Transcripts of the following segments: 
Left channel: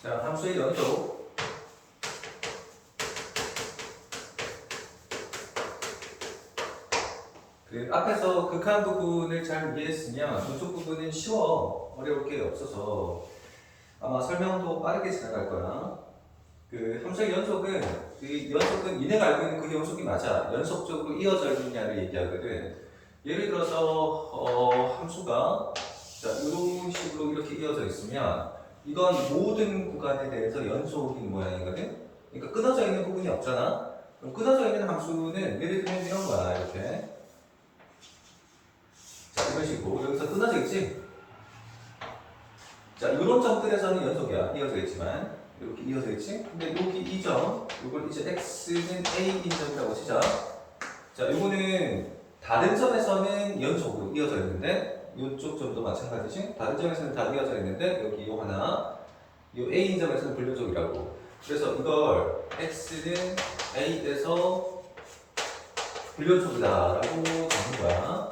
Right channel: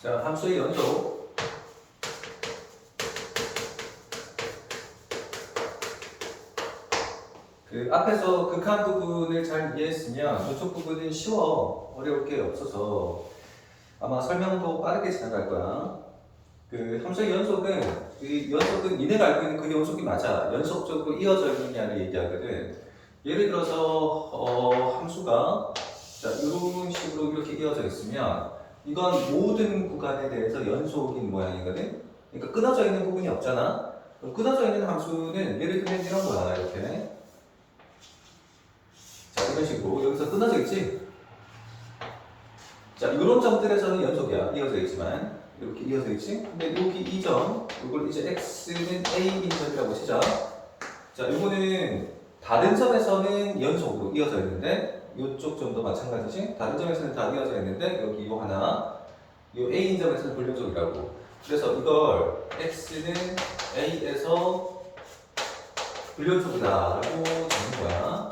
자, 함수의 연속. 그 앞에서 극한 부분을 잘 이해했으면 이쪽 부분은 쉬워. 어려울 게 없어서 아마 설명도 빠르게 지나갈 거야. 그 함수의 연속은 니네가 알고 있는 그 연속이 맞아. 연속적으로 이어져 있느냐를 얘기하거든. 예를 들어서 함수가 자, 이런 식으로 이렇게 이어져 있으면 이건 모든 구간에 대해서 연속인 모양이거든. 그러니까 끊어져 있는 부분이 없잖아. 그럼 끊어져 있는 함수는 예를 들면 이런 거야. 이렇게. 자, 이런 식으로 여기서 끊어져 있지? 자, 이런 점들에서는 연속이야. 이어져 있지만 이렇게 이어져 있지? 근데 여기 이 점, 이걸 이제 x는 a인 점이라고 치자. 자, 요거는 다른 점에서는 연속으로 이어져 있는데 이쪽 점도 마찬가지지? 다른 점에서는 다 이어져 있는데 여기 요 하나, 요 a인 점에서는 불연속이라고. 그래서 이걸 x는 a에서 불연속이다라고 적는 거야.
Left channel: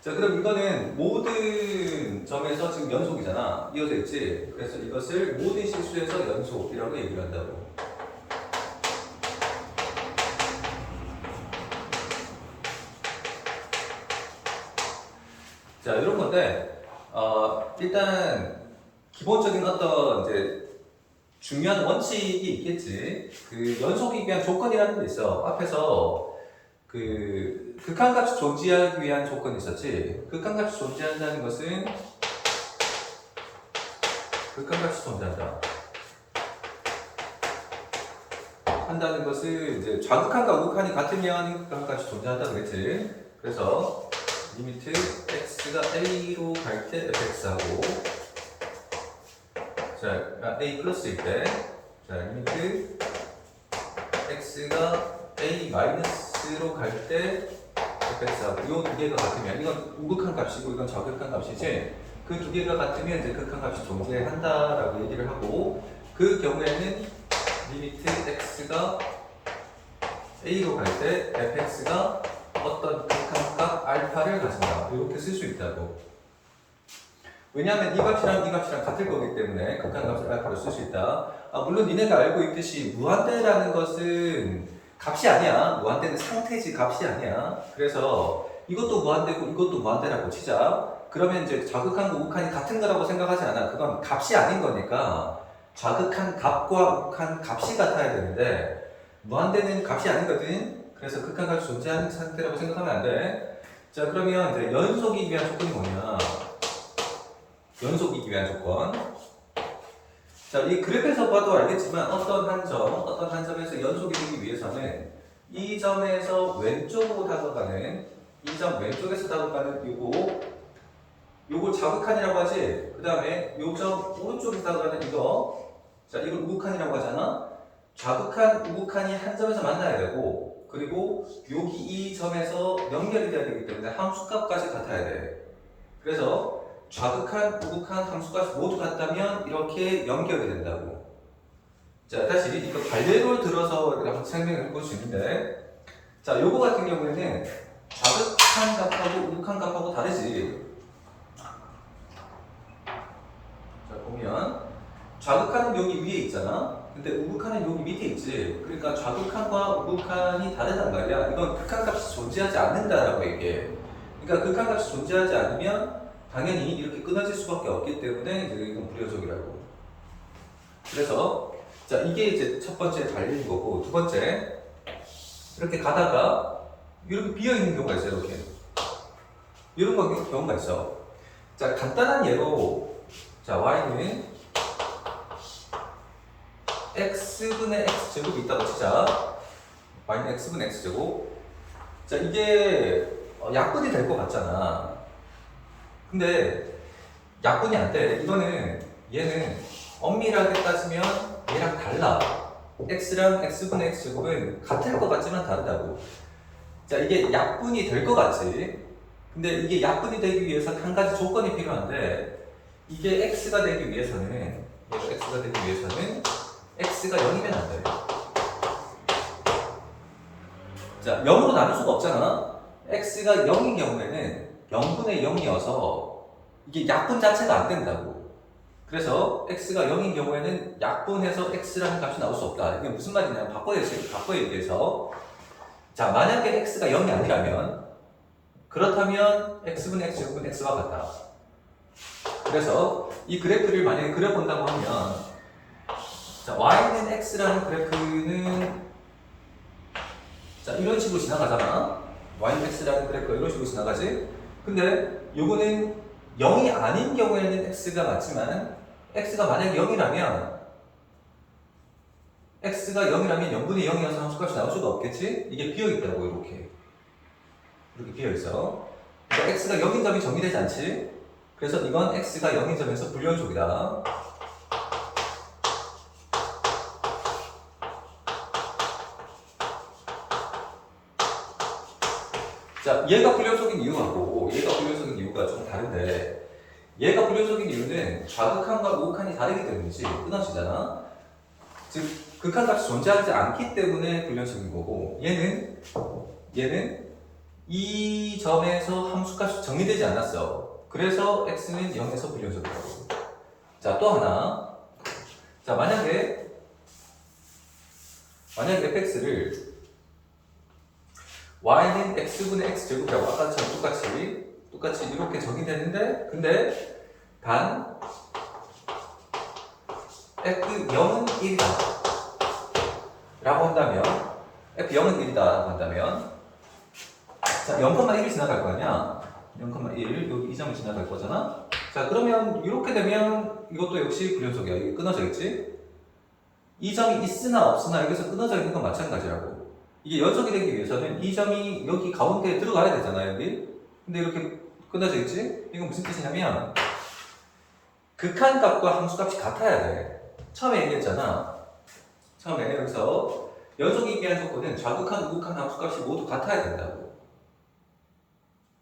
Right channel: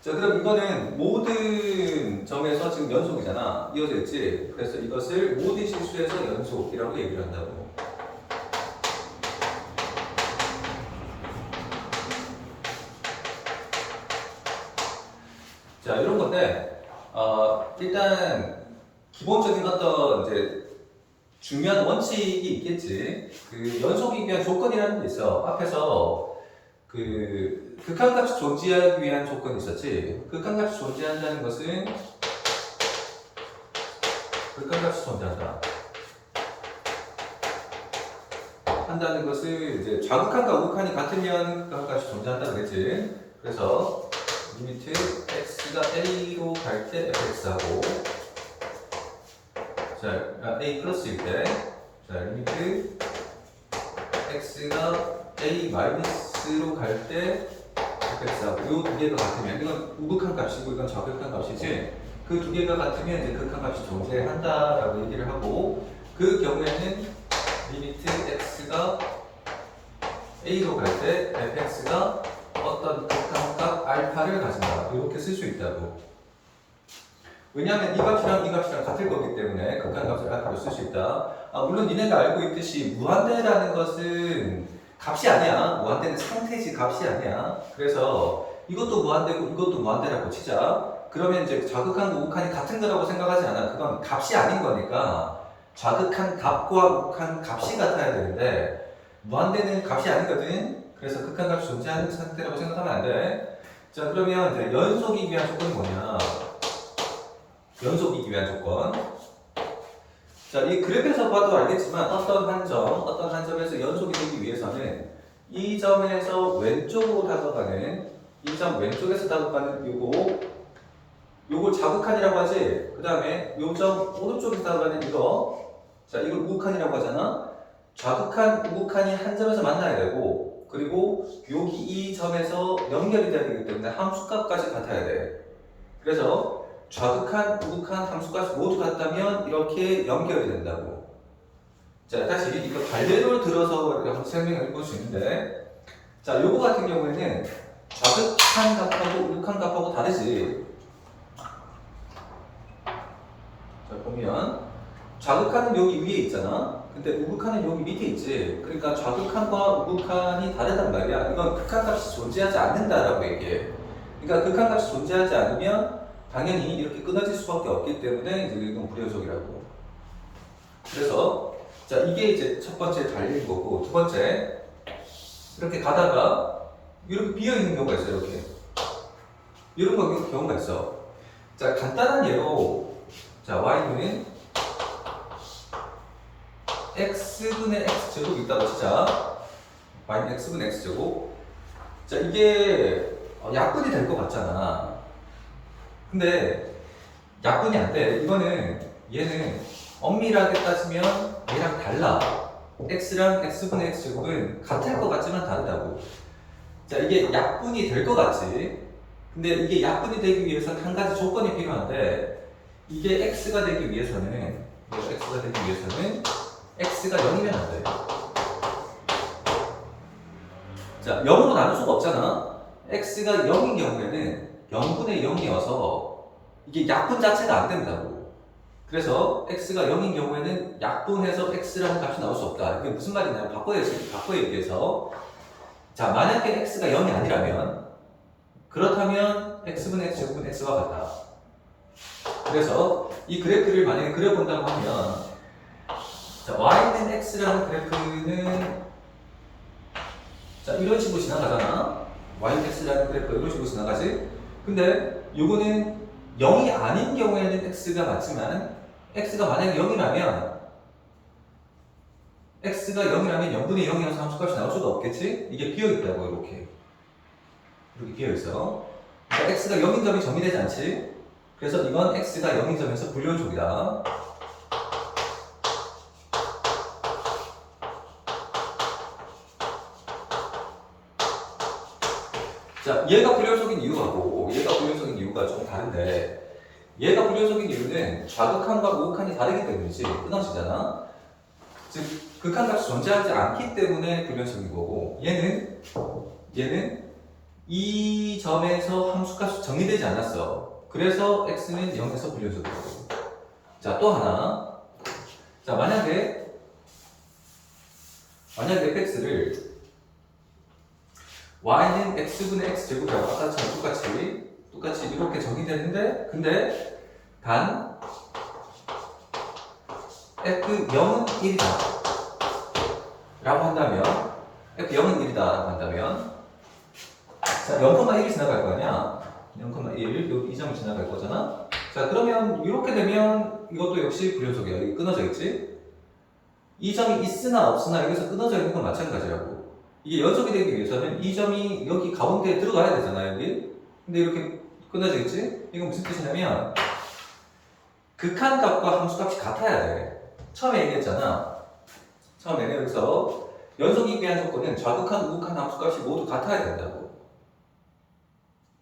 자, 그럼 이거는 모든 점에서 지금 연속이잖아. 이어져 있지? 그래서 이것을 모든 실수에서 연속이라고 얘기를 한다고. 자, 이런 건데, 일단, 기본적인 어떤, 이제, 중요한 원칙이 있겠지. 그, 연속이기 위한 조건이라는 게 있어. 앞에서, 그, 극한값이 존재하기 위한 조건이 있었지. 극한값이 존재한다는 것은, 극한값이 존재한다. 한다는 것을, 이제, 좌극한과 우극한이 같으면 극한값이 존재한다는 거겠지. 그래서, 리미트 x가 a로 갈 때 fx하고 자 a 플러스일 때 자 리미트 x가 a 마이너스로 갈 때 fx하고 이 두 개가 같으면 이건 우극한 값이고 이건 좌극한 값이지 그 두 개가 같으면 이제 극한 값이 존재한다라고 얘기를 하고 그 경우에는 리미트 x가 a로 갈 때 fx가 어떤 극한값 알파를 가진다. 이렇게 쓸 수 있다고. 왜냐하면 이 값이랑 같을 거기 때문에 극한값을 알파로 쓸 수 있다. 물론 니네가 알고 있듯이 무한대라는 것은 값이 아니야. 무한대는 상태지 값이 아니야. 그래서 이것도 무한대고 이것도 무한대라고 치자. 그러면 이제 좌극한과 우극한이 같은 거라고 생각하지 않아. 그건 값이 아닌 거니까 좌극한 값과 우극한 값이 같아야 되는데 무한대는 값이 아니거든. 그래서 극한값이 존재하는 상태라고 생각하면 안 돼. 자, 그러면 이제 연속이기 위한 조건이 뭐냐? 연속이기 위한 조건. 자, 이 그래프에서 봐도 알겠지만 어떤 한 점에서 연속이 되기 위해서는 이 점에서 왼쪽으로 다가가는 이 점 왼쪽에서 다가가는 요거 좌극한이라고 하지. 그 다음에 요 점 오른쪽에서 다가가는 이거 자, 이걸 우극한이라고 하잖아. 좌극한, 우극한이 한 점에서 만나야 되고 그리고 여기 이 점에서 연결이 돼야 되기 때문에 함수값까지 같아야 돼. 그래서 좌극한, 우극한 함수값이 모두 같다면 이렇게 연결이 된다고. 자, 다시 이거 관례를 들어서 한번 설명해 볼 수 있는데 자, 요거 같은 경우에는 좌극한 값하고 우극한 값하고 다르지. 자, 보면 좌극한은 여기 위에 있잖아. 근데 우극한은 여기 밑에 있지. 그러니까 좌극한과 우극한이 다르단 말이야. 이건 극한값이 존재하지 않는다라고 얘기해. 그러니까 극한값이 존재하지 않으면 당연히 이렇게 끊어질 수밖에 없기 때문에 이건 불연속이라고. 그래서 자 이게 이제 첫 번째 달린 거고 두 번째 이렇게 가다가 이렇게 비어 있는 경우가 있어요. 이렇게 이런 경우가 있어. 자 간단한 예로 자 y는 x분의 x제곱이 있다고 치자. y는 x분의 x제곱. 자, 이게 약분이 될 것 같잖아. 근데 약분이 안 돼. 얘는 엄밀하게 따지면 얘랑 달라. x랑 x분의 x제곱은 같을 것 같지만 다르다고. 자, 이게 약분이 될 것 같지. 근데 이게 약분이 되기 위해서 한 가지 조건이 필요한데 이게 x가 되기 위해서는 x가 0이면 안 돼. 자, 0으로 나눌 수가 없잖아. x가 0인 경우에는 0분의 0이어서 이게 약분 자체가 안 된다고. 그래서 x가 0인 경우에는 약분해서 x라는 값이 나올 수 없다. 이게 무슨 말이냐면 바꿔야 위해서 자 만약에 x가 0이 아니라면 그렇다면 x분의 x 제곱은 x와 같다. 그래서 이 그래프를 만약에 그려본다고 하면 자 y는 x라는 그래프는 자 이런 식으로 지나가잖아. y는 x라는 그래프가 이런 식으로 지나가지. 근데 요거는 0이 아닌 경우에는 x가 맞지만 x가 만약에 0이라면 x가 0이라면 0분의 0이어서 함수값이 나올 수가 없겠지? 이게 비어있다고 이렇게 비어있어. 그러니까 x가 0인 점이 정의되지 않지? 그래서 이건 x가 0인 점에서 불연속이다. 자, 얘가 불연속인 이유하고 얘가 불연속인 이유가 좀 다른데 얘가 불연속인 이유는 좌극한과 우극한이 다르기 때문이지 끊어지잖아. 즉 극한값이 존재하지 않기 때문에 불연속인 거고 얘는 이 점에서 함수값이 정의되지 않았어. 그래서 x는 0에서 불연속이라고. 자, 또 하나. 자, 만약에 fx를 y는 x분의 x제곱이라고 아까처럼 똑같이 이렇게 정의됐는데 근데 단 f0은 1이다 라고 한다면 f0은 1이다 라고 한다면 자 0,1이 지나갈 거 아니야. 0,1 여기 이 점을 지나갈 거잖아. 자 그러면 이렇게 되면 이것도 역시 불연속이야. 여기 끊어져 있지. 이 점이 있으나 없으나 여기서 끊어져 있는 건 마찬가지라고. 이게 연속이 되기 위해서는 이 점이 여기 가운데에 들어가야 되잖아 여기. 근데 이렇게 끊어져 있지? 이건 무슨 뜻이냐면 극한값과 함수값이 같아야 돼. 처음에 얘기했잖아. 처음에 여기서 연속이기 위한 조건은 좌극한, 우극한 함수값이 모두 같아야 된다고.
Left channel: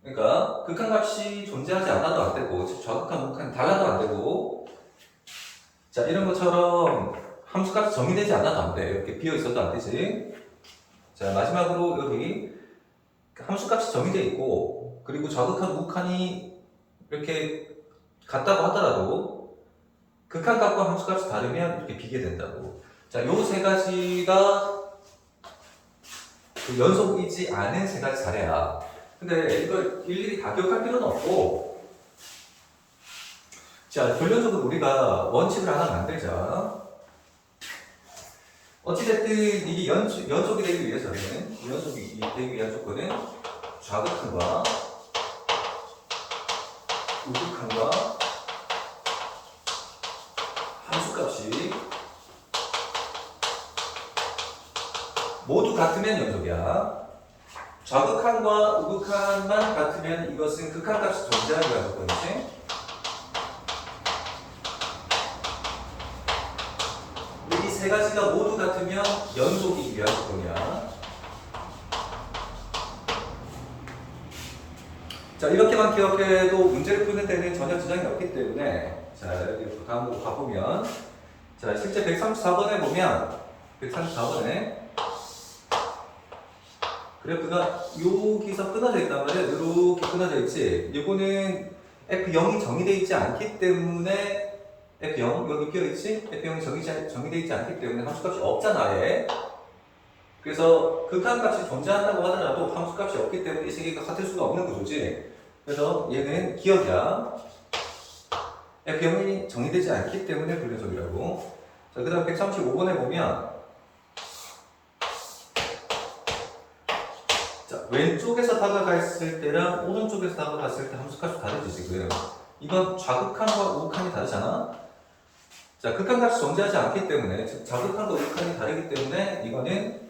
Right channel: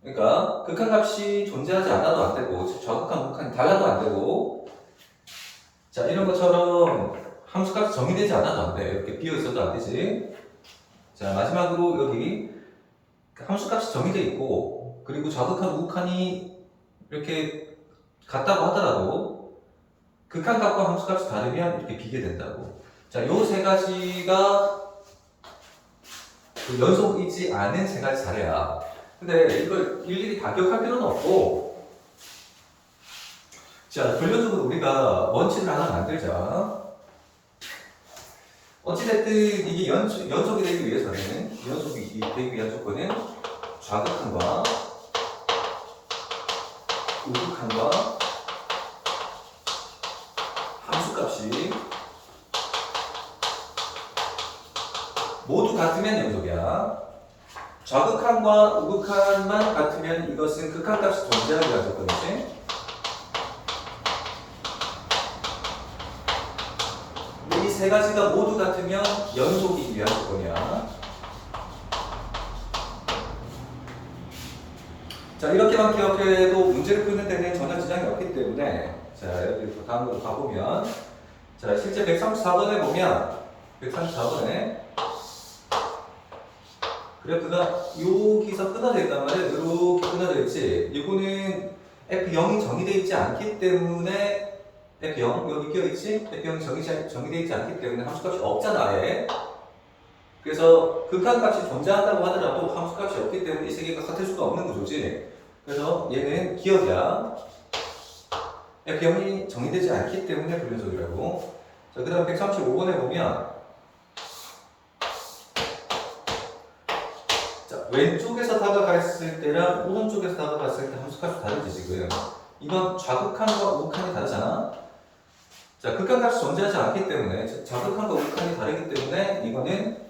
그러니까 극한값이 존재하지 않아도 안 되고 좌극한, 우극한이 달라도 안 되고 자 이런 것처럼 함수값이 정의되지 않아도 안 돼. 이렇게 비어있어도 안 되지. 자 마지막으로 여기 함수값이 정의되어 있고 그리고 좌극한, 우극한이 이렇게 같다고 하더라도 극한값과 함수값이 다르면 이렇게 비게 된다고. 자, 요 세 가지가 그 연속이지 않은 세 가지 사례야. 근데 이걸 일일이 다 기억할 필요는 없고 자, 결론적으로 우리가 원칙을 하나 만들자. 어찌됐든 이게 연속이 되기 위해서는 연속이 되기 위한 조건은 좌극한과 우극한과 함수값이 모두 같으면 연속이야. 좌극한과 우극한만 같으면 이것은 극한값이 존재하기 위한 조건이지. 근데 이 세 가지가 모두 같으면 연속이기 위한 조건이야. 자, 이렇게만 기억해도 문제를 푸는 데는 전혀 지장이 없기 때문에 자, 여기 다음으로 가보면 자, 실제 134번에 보면 134번에 그래프가 여기서 끊어져 있단 말이야. 이렇게 끊어져 있지. 이거는 F0이 정의되어 있지 않기 때문에 F0 여기 비어있지? F0이 정의되어 있지 않기 때문에 함수값이 없잖아. 아예. 그래서 극한값이 존재한다고 하더라도 함수값이 없기 때문에 이 세 개가 같을 수가 없는 구조지. 그래서 얘는 기억이야. F0이 정의되지 않기 때문에 불연속이라고. 자, 그 다음 135번에 보면 자, 왼쪽에서 다가갔을 때랑 오른쪽에서 다가갔을 때 함수값이 다르지 지금. 이건 좌극한과 우극한이 다르잖아. 자, 극한값이 존재하지 않기 때문에 즉 좌극한과 우극한이 다르기 때문에 이거는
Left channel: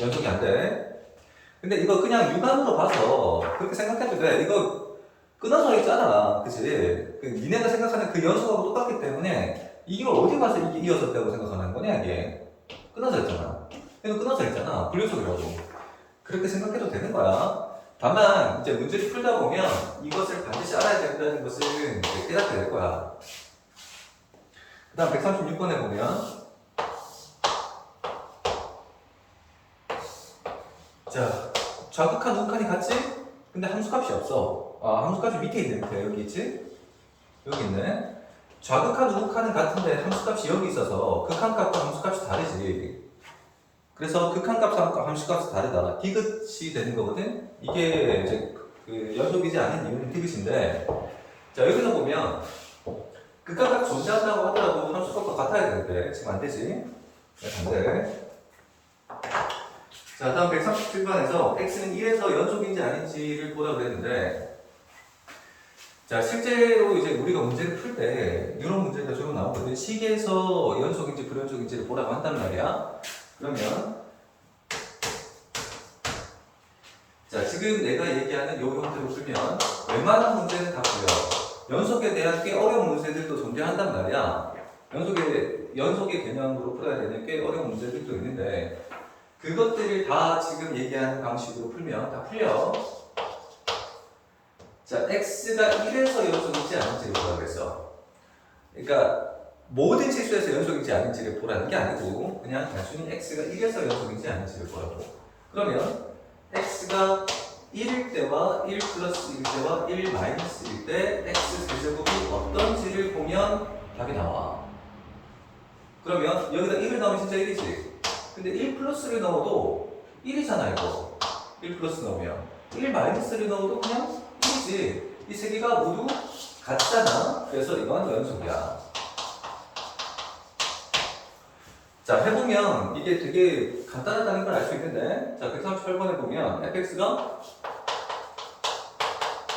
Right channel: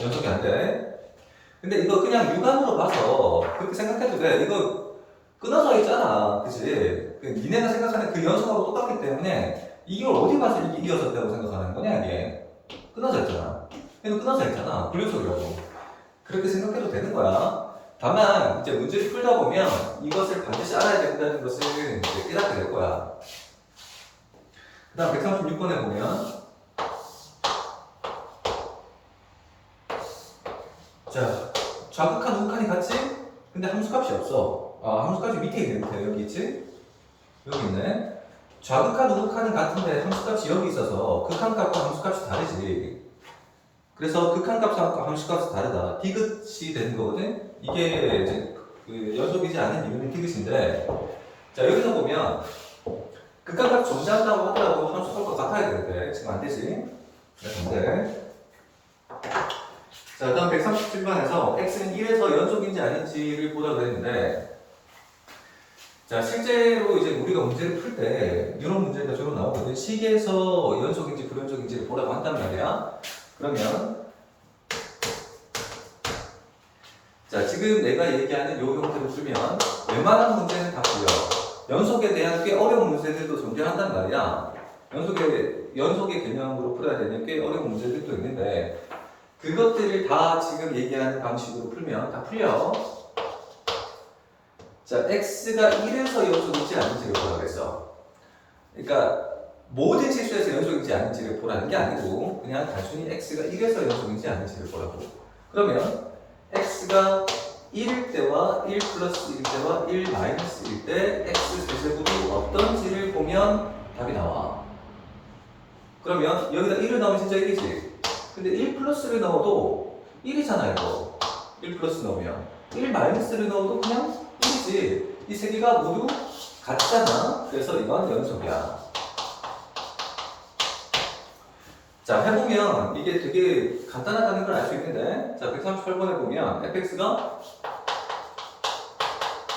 연속이 안 돼. 근데 이거 그냥 육안으로 봐서 그렇게 생각해도 돼. 이거 끊어져 있잖아. 그치? 그 니네가 생각하는 그 연속하고 똑같기 때문에 이걸 어디 봐서 이게 이어졌다고 생각하는 거냐 이게. 끊어져 있잖아. 얘도 끊어져 있잖아. 불연속이라고. 그렇게 생각해도 되는 거야. 다만 이제 문제를 풀다 보면 이것을 반드시 알아야 된다는 것을 이제 깨닫게 될 거야. 그 다음 136번에 보면 자, 좌극한 우극한이 같지? 근데 함수값이 없어. 아, 함수값이 밑에 있네. 밑에 여기 있지? 여기 있네. 좌극한 우극한은 같은데 함수값이 여기 있어서 극한값과 함수값이 다르지. 그래서 극한값과 함수값이 다르다. 디귿이 되는 거거든. 이게 이제 그 연속이지 않은 이유는 디귿인데, 자 여기서 보면 극한값이 존재한다고 하더라도 함수값과 같아야 되는데 지금 안 되지. 안 돼. 자 다음 137번에서 x는 1에서 연속인지 아닌지를 보라 그랬는데, 자 실제로 이제 우리가 문제를 풀 때 이런 문제가 주로 나오거든. 식에서 연속인지 불연속인지를 보라고 한단 말이야. 그러면 자 지금 내가 얘기하는 요 형태로 풀면 웬만한 문제는 다 풀려. 연속에 대한 꽤 어려운 문제들도 존재한단 말이야. 연속의 개념으로 풀어야 되는 꽤 어려운 문제들도 있는데, 그것들을 다 지금 얘기하는 방식으로 풀면 다 풀려. 자, x가 1에서 연속인지 아닌지를 보라 그랬어. 그러니까 모든 실수에서 연속인지 아닌지를 보라는 게 아니고 그냥 단순히 x가 1에서 연속인지 아닌지를 보라고. 그러면 x가 1일 때와 1 플러스 1 때와 1 마이너스 1 때 x 세제곱이 어떤지를 보면 답이 나와. 그러면 여기다 1을 넣으면 진짜 1이지. 근데 1 플러스를 넣어도 1이잖아 이거. 1 플러스 넣으면 1 마이너스를 넣어도 그냥 1이지. 이 세 개가 모두 같잖아. 그래서 이건 연속이야. 자 해보면 이게 되게 간단하다는 걸 알 수 있는데, 자 138번에 보면 fx가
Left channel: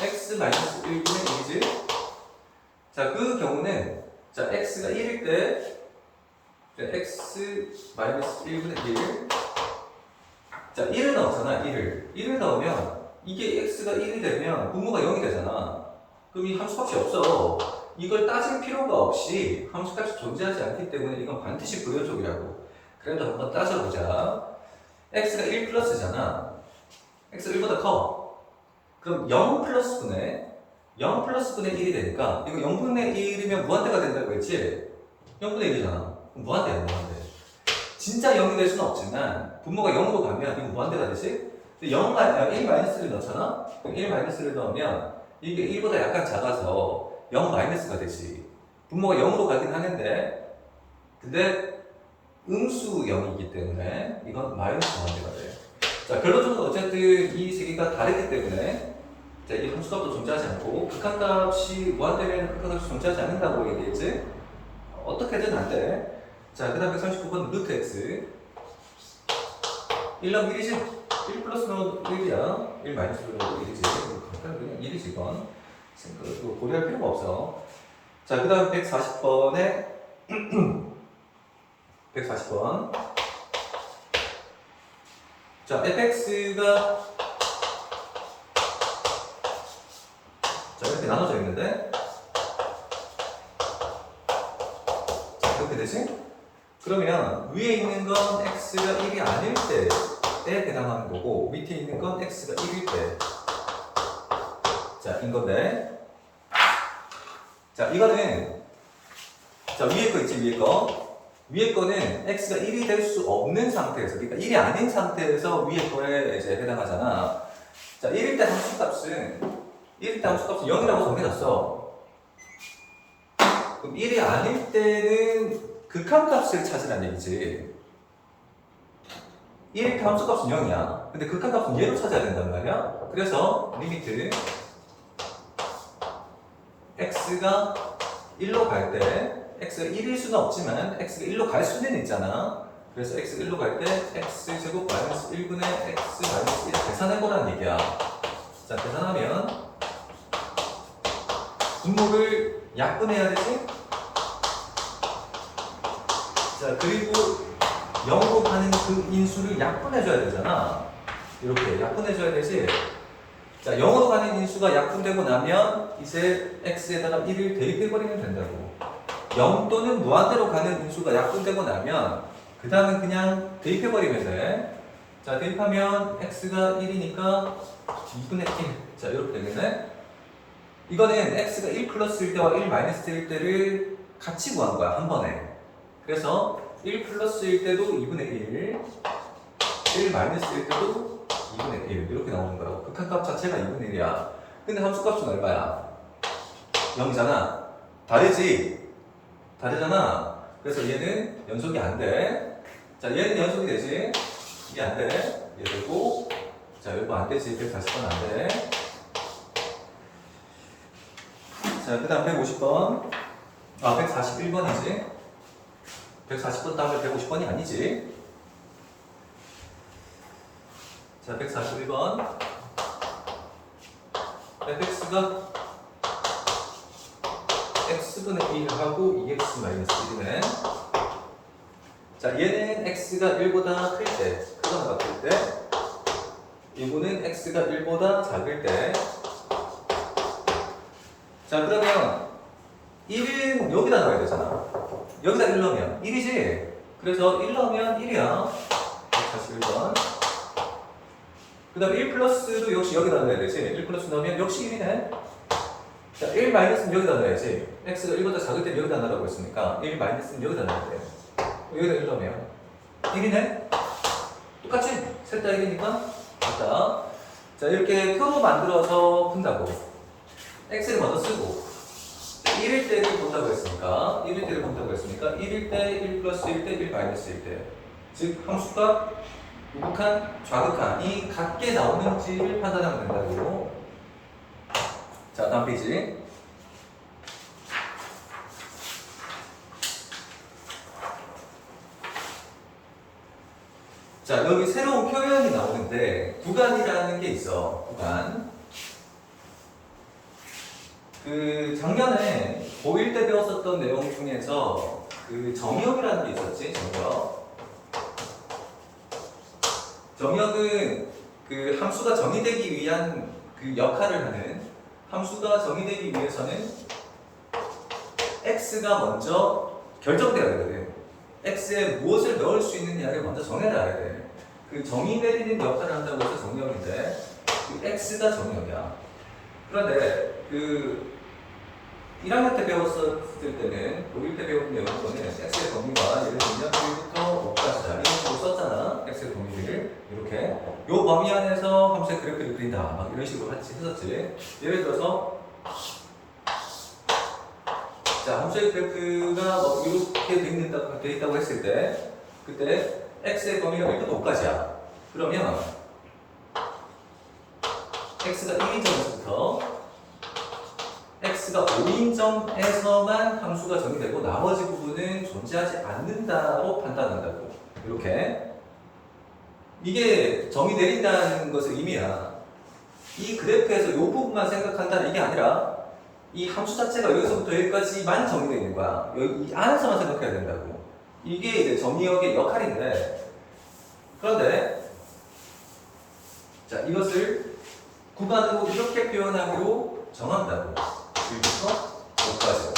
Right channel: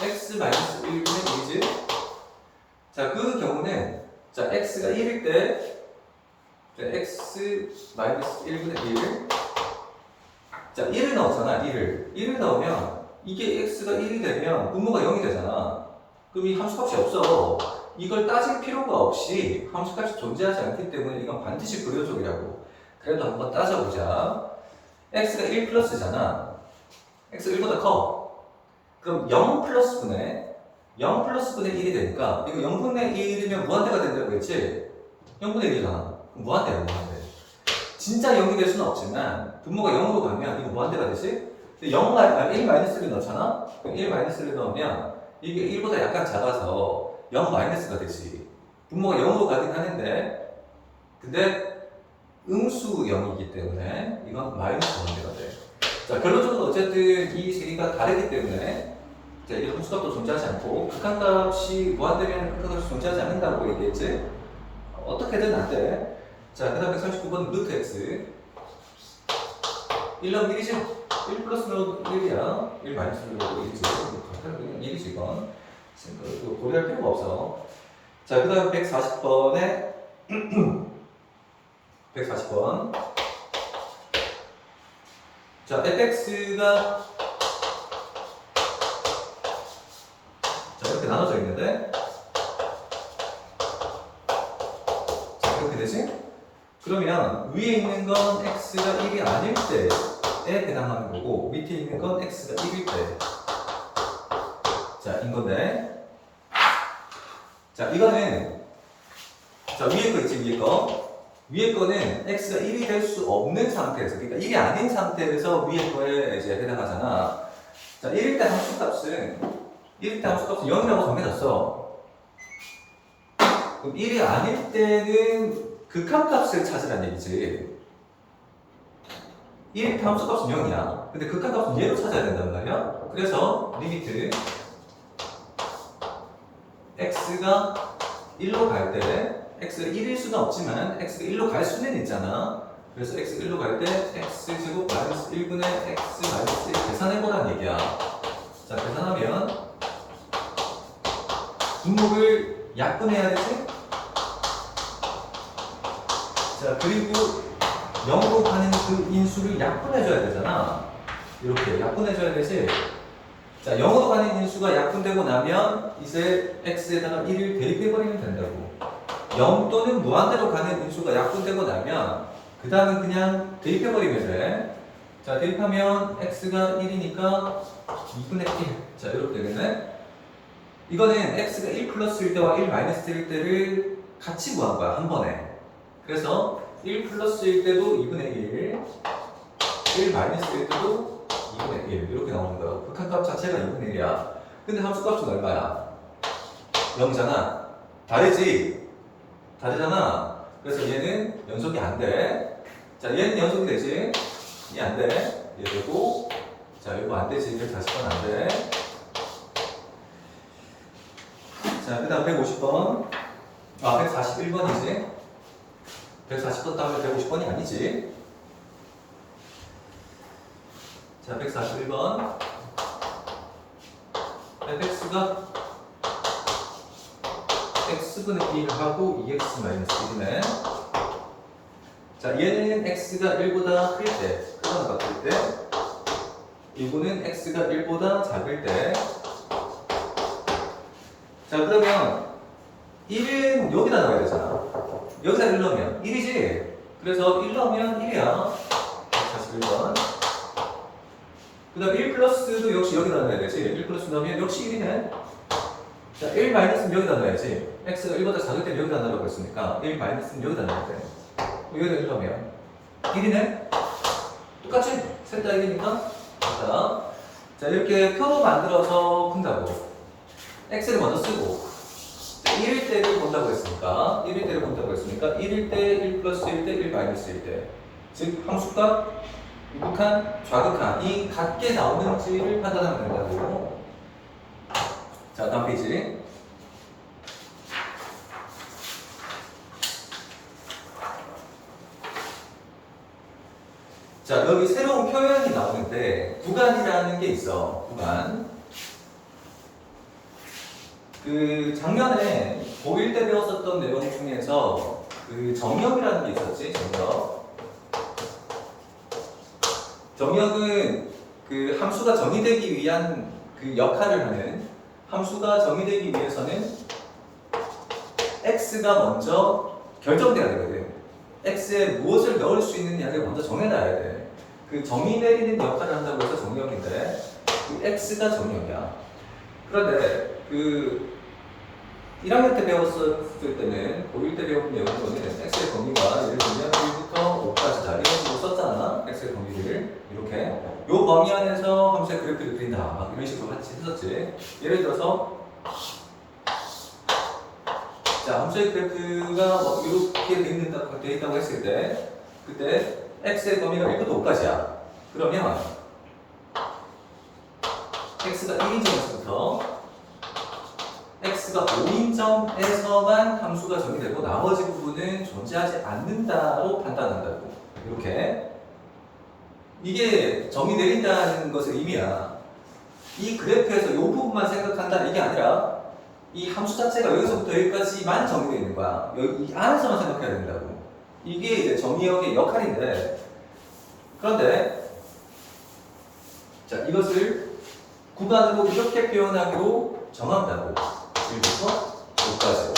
x-1분의 1이지. 자 그 경우는 자 x가 1일 때 x-1분의 1. 자 1을 넣었잖아. 1을 넣으면 이게 x가 1이 되면 분모가 0이 되잖아. 그럼 이 함수값이 없어. 이걸 따질 필요가 없이 함수값이 존재하지 않기 때문에 이건 반드시 불연속이라고. 그래도 한번 따져보자. x가 1 플러스잖아. x가 1보다 커. 그럼 0 플러스분의 1이 되니까 이거 0분의 1이면 무한대가 된다고 했지? 0분의 1이잖아. 그럼 무한대야, 무한대. 진짜 0이 될 수는 없지만 분모가 0으로 가면 이거 무한대가 되지? 1 마이너스를 넣잖아? 그럼 1 마이너스를 넣으면 이게 1보다 약간 작아서 0 마이너스가 되지. 분모가 0으로 가긴 하는데, 근데 음수 0이기 때문에 이건 마이너스 관계가 돼. 자, 결론적으로 어쨌든 이 세 개가 다르기 때문에 이 함수값도 존재하지 않고 극한값이 무한대면 극한값이 존재하지 않는다고 얘기했지? 어떻게든 안 돼. 자, 그 다음에 39번 루트 x 1 넣으면 1이지? 1 플러스 넣어도 1이야. 1 마이너스 넣어도 1이지. 간단히 그냥 1이지 이건. 고려할 필요가 없어. 자, 그 다음 140번에 140번. 자, fx가 자, 이렇게 나눠져 있는데, 자, 이렇게 되지? 그러면 위에 있는 건 x가 1이 아닐 때에 해당하는 거고, 밑에 있는 건 x가 1일 때. 자, 인 건데. 자, 이거는, 자, 위에 거 있지, 위에 거. 위에 거는 x가 1이 될 수 없는 상태에서, 그러니까 1이 아닌 상태에서 위에 거에 이제 해당하잖아. 자, 1일 때 함수값은 0이라고 정해졌어. 그럼 1이 아닐 때는 극한값을 찾으라는 얘기지. 1일 때 함수값은 0이야. 근데 극한값은 얘로 찾아야 된단 말이야. 그래서 리미트 x가 1로 갈 때, x가 1일 수는 없지만 x가 1로 갈 수는 있잖아. 그래서 x 1로 갈 때 x제곱 마이너스 1분의 x 마이너스 1 계산해보라는 얘기야. 자, 계산하면 분모를 약분해야 되지? 자, 그리고 0으로 가는 그 인수를 약분해줘야 되잖아. 이렇게 약분해줘야 되지? 자, 0으로 가는 인수가 약분되고 나면 이제 x에다가 1을 대입해버리면 된다고. 0 또는 무한대로 가는 인수가 약분되고 나면 그 다음은 그냥 대입해버리면 돼. 자, 대입하면 x가 1이니까 2분의 1. 자, 이렇게 되겠네. 이거는 x가 1 플러스일 때와 1 마이너스일 때를 같이 구한 거야, 한 번에. 그래서 1 플러스일 때도 2분의 1 마이너스일 때도 2분의 1 이렇게 나오는 거야. 극한값 자체가 2분의 1이야. 근데 함수값은 얼마야? 0이잖아. 다르지? 다르잖아. 그래서 얘는 연속이 안 돼. 자, 얘는 연속이 되지. 얘 안 돼. 얘 되고. 자, 이거 안 되지. 140번 안 돼. 자, 그 다음 150번. 아, 141번이지. 140번 다음에 150번이 아니지. 자, 141번. fx가 x분의 1하고 2x-1이네. 자, 얘는 x가 1보다 클 때, 크거나 같을 때, 이거는 x가 1보다 작을 때. 자, 그러면 1은 여기다 넣어야 되잖아. 여기다 1 넣으면 1이지. 그래서 1 넣으면 1이야. 141번. 그 다음 1 플러스도 역시 여기다 넣어야 되지. 1 플러스 넣으면 역시 1이네. 자, 1 마이너스는 여기다 넣어야지. x가 1보다 작을 때 여기다 넣으라고 했으니까 1 마이너스는 여기다 넣어야 돼. 여기다 1 넣으면 1이네? 똑같지? 셋 다 1이니까 맞다. 자, 이렇게 표도 만들어서 푼다고. x를 먼저 쓰고 1일 때를 본다고 했으니까 1일 때를 본다고 했으니까 1일 때 1 플러스 1 때 1 마이너스 1 때. 즉 함수값 우극한, 좌극한이 같게 나오는지를 판단하면 된다고. 자, 다음 페이지. 자, 여기 새로운 표현이 나오는데 구간이라는 게 있어. 구간. 그 작년에 고1 때 배웠었던 내용 중에서 그 정역이라는 게 있었지. 정역. 정역은 그 함수가 정의되기 위한 그 역할을 하는, 함수가 정의되기 위해서는 x가 먼저 결정돼야 되거든. x에 무엇을 넣을 수 있느냐를 먼저 정해놔야 돼. 그 정의 내리는 역할을 한다고 해서 정역인데 그 x가 정역이야. 그런데 그 1학년 때 배웠을 때는 고1 때 배운 내용으로는 x의 범위가 예를 들면 1부터 5까지다 이런 식으로 썼잖아. x의 범위를 이렇게 요 범위 안에서 함수의 그래프를 그린다 막 이런 식으로 같이 했었지. 예를 들어서 자, 함수의 그래프가 뭐 이렇게 돼 있다고 했을 때 그때 x의 범위가 1부터 5까지야. 그러면 x가 1인 점에서부터 x가 5인 점에서만 함수가 정의되고 나머지 부분은 존재하지 않는다로 판단한다고. 이렇게 이게 정의 내린다는 것의 의미야. 이 그래프에서 이 부분만 생각한다는 이게 아니라 이 함수 자체가 여기서부터 여기까지만 정의되어 있는 거야. 여기 이 안에서만 생각해야 된다고. 이게 이제 정의역의 역할인데, 그런데 자, 이것을 구간으로 이렇게 표현하기로 정한다고. 1부터 5까지로.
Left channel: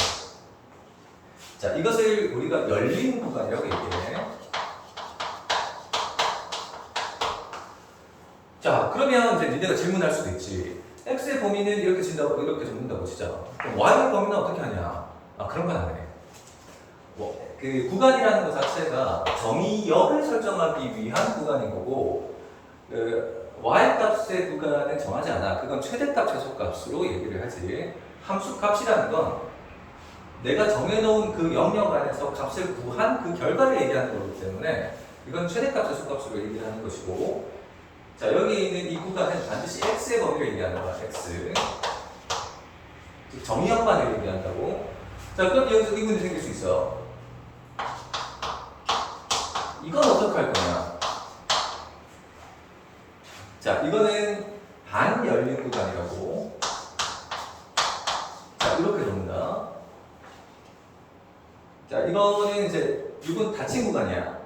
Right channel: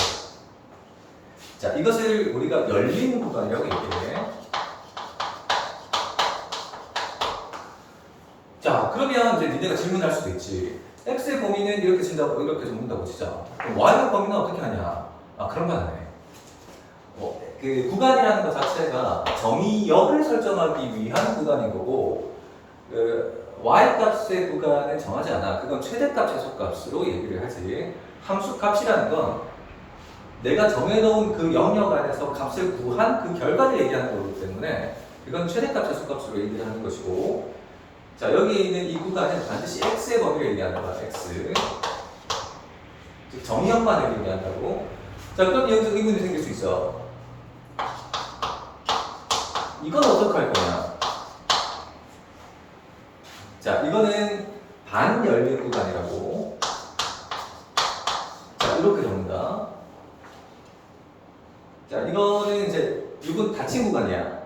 자, 이것을 우리가 열린 구간이라고 얘기해. 자, 그러면 이제 니네가 질문할 수도 있지. x의 범위는 이렇게 진다고 이렇게 적는다고 치자. 그럼 y의 범위는 어떻게 하냐? 아, 그런 건 안 해. 뭐, 그 구간이라는 것 자체가 정의역을 설정하기 위한 구간인 거고, 그 y 값의 구간은 정하지 않아. 그건 최대값, 최소값으로 얘기를 하지. 함수 값이라는 건 내가 정해놓은 그 영역 안에서 값을 구한 그 결과를 얘기하는 거기 때문에 이건 최대값, 최소값으로 얘기를 하는 것이고, 자, 여기 있는 이 구간은 반드시 x의 범위를 얘기하는 거야. x. 즉 정의역만을 얘기한다고. 자, 그럼 여기서 의문이 생길 수 있어. 이건 어떻게 할 거냐? 자, 이거는 반열린 구간이라고. 자, 이렇게 적는다. 자, 이거는 이제 이건 닫힌 구간이야.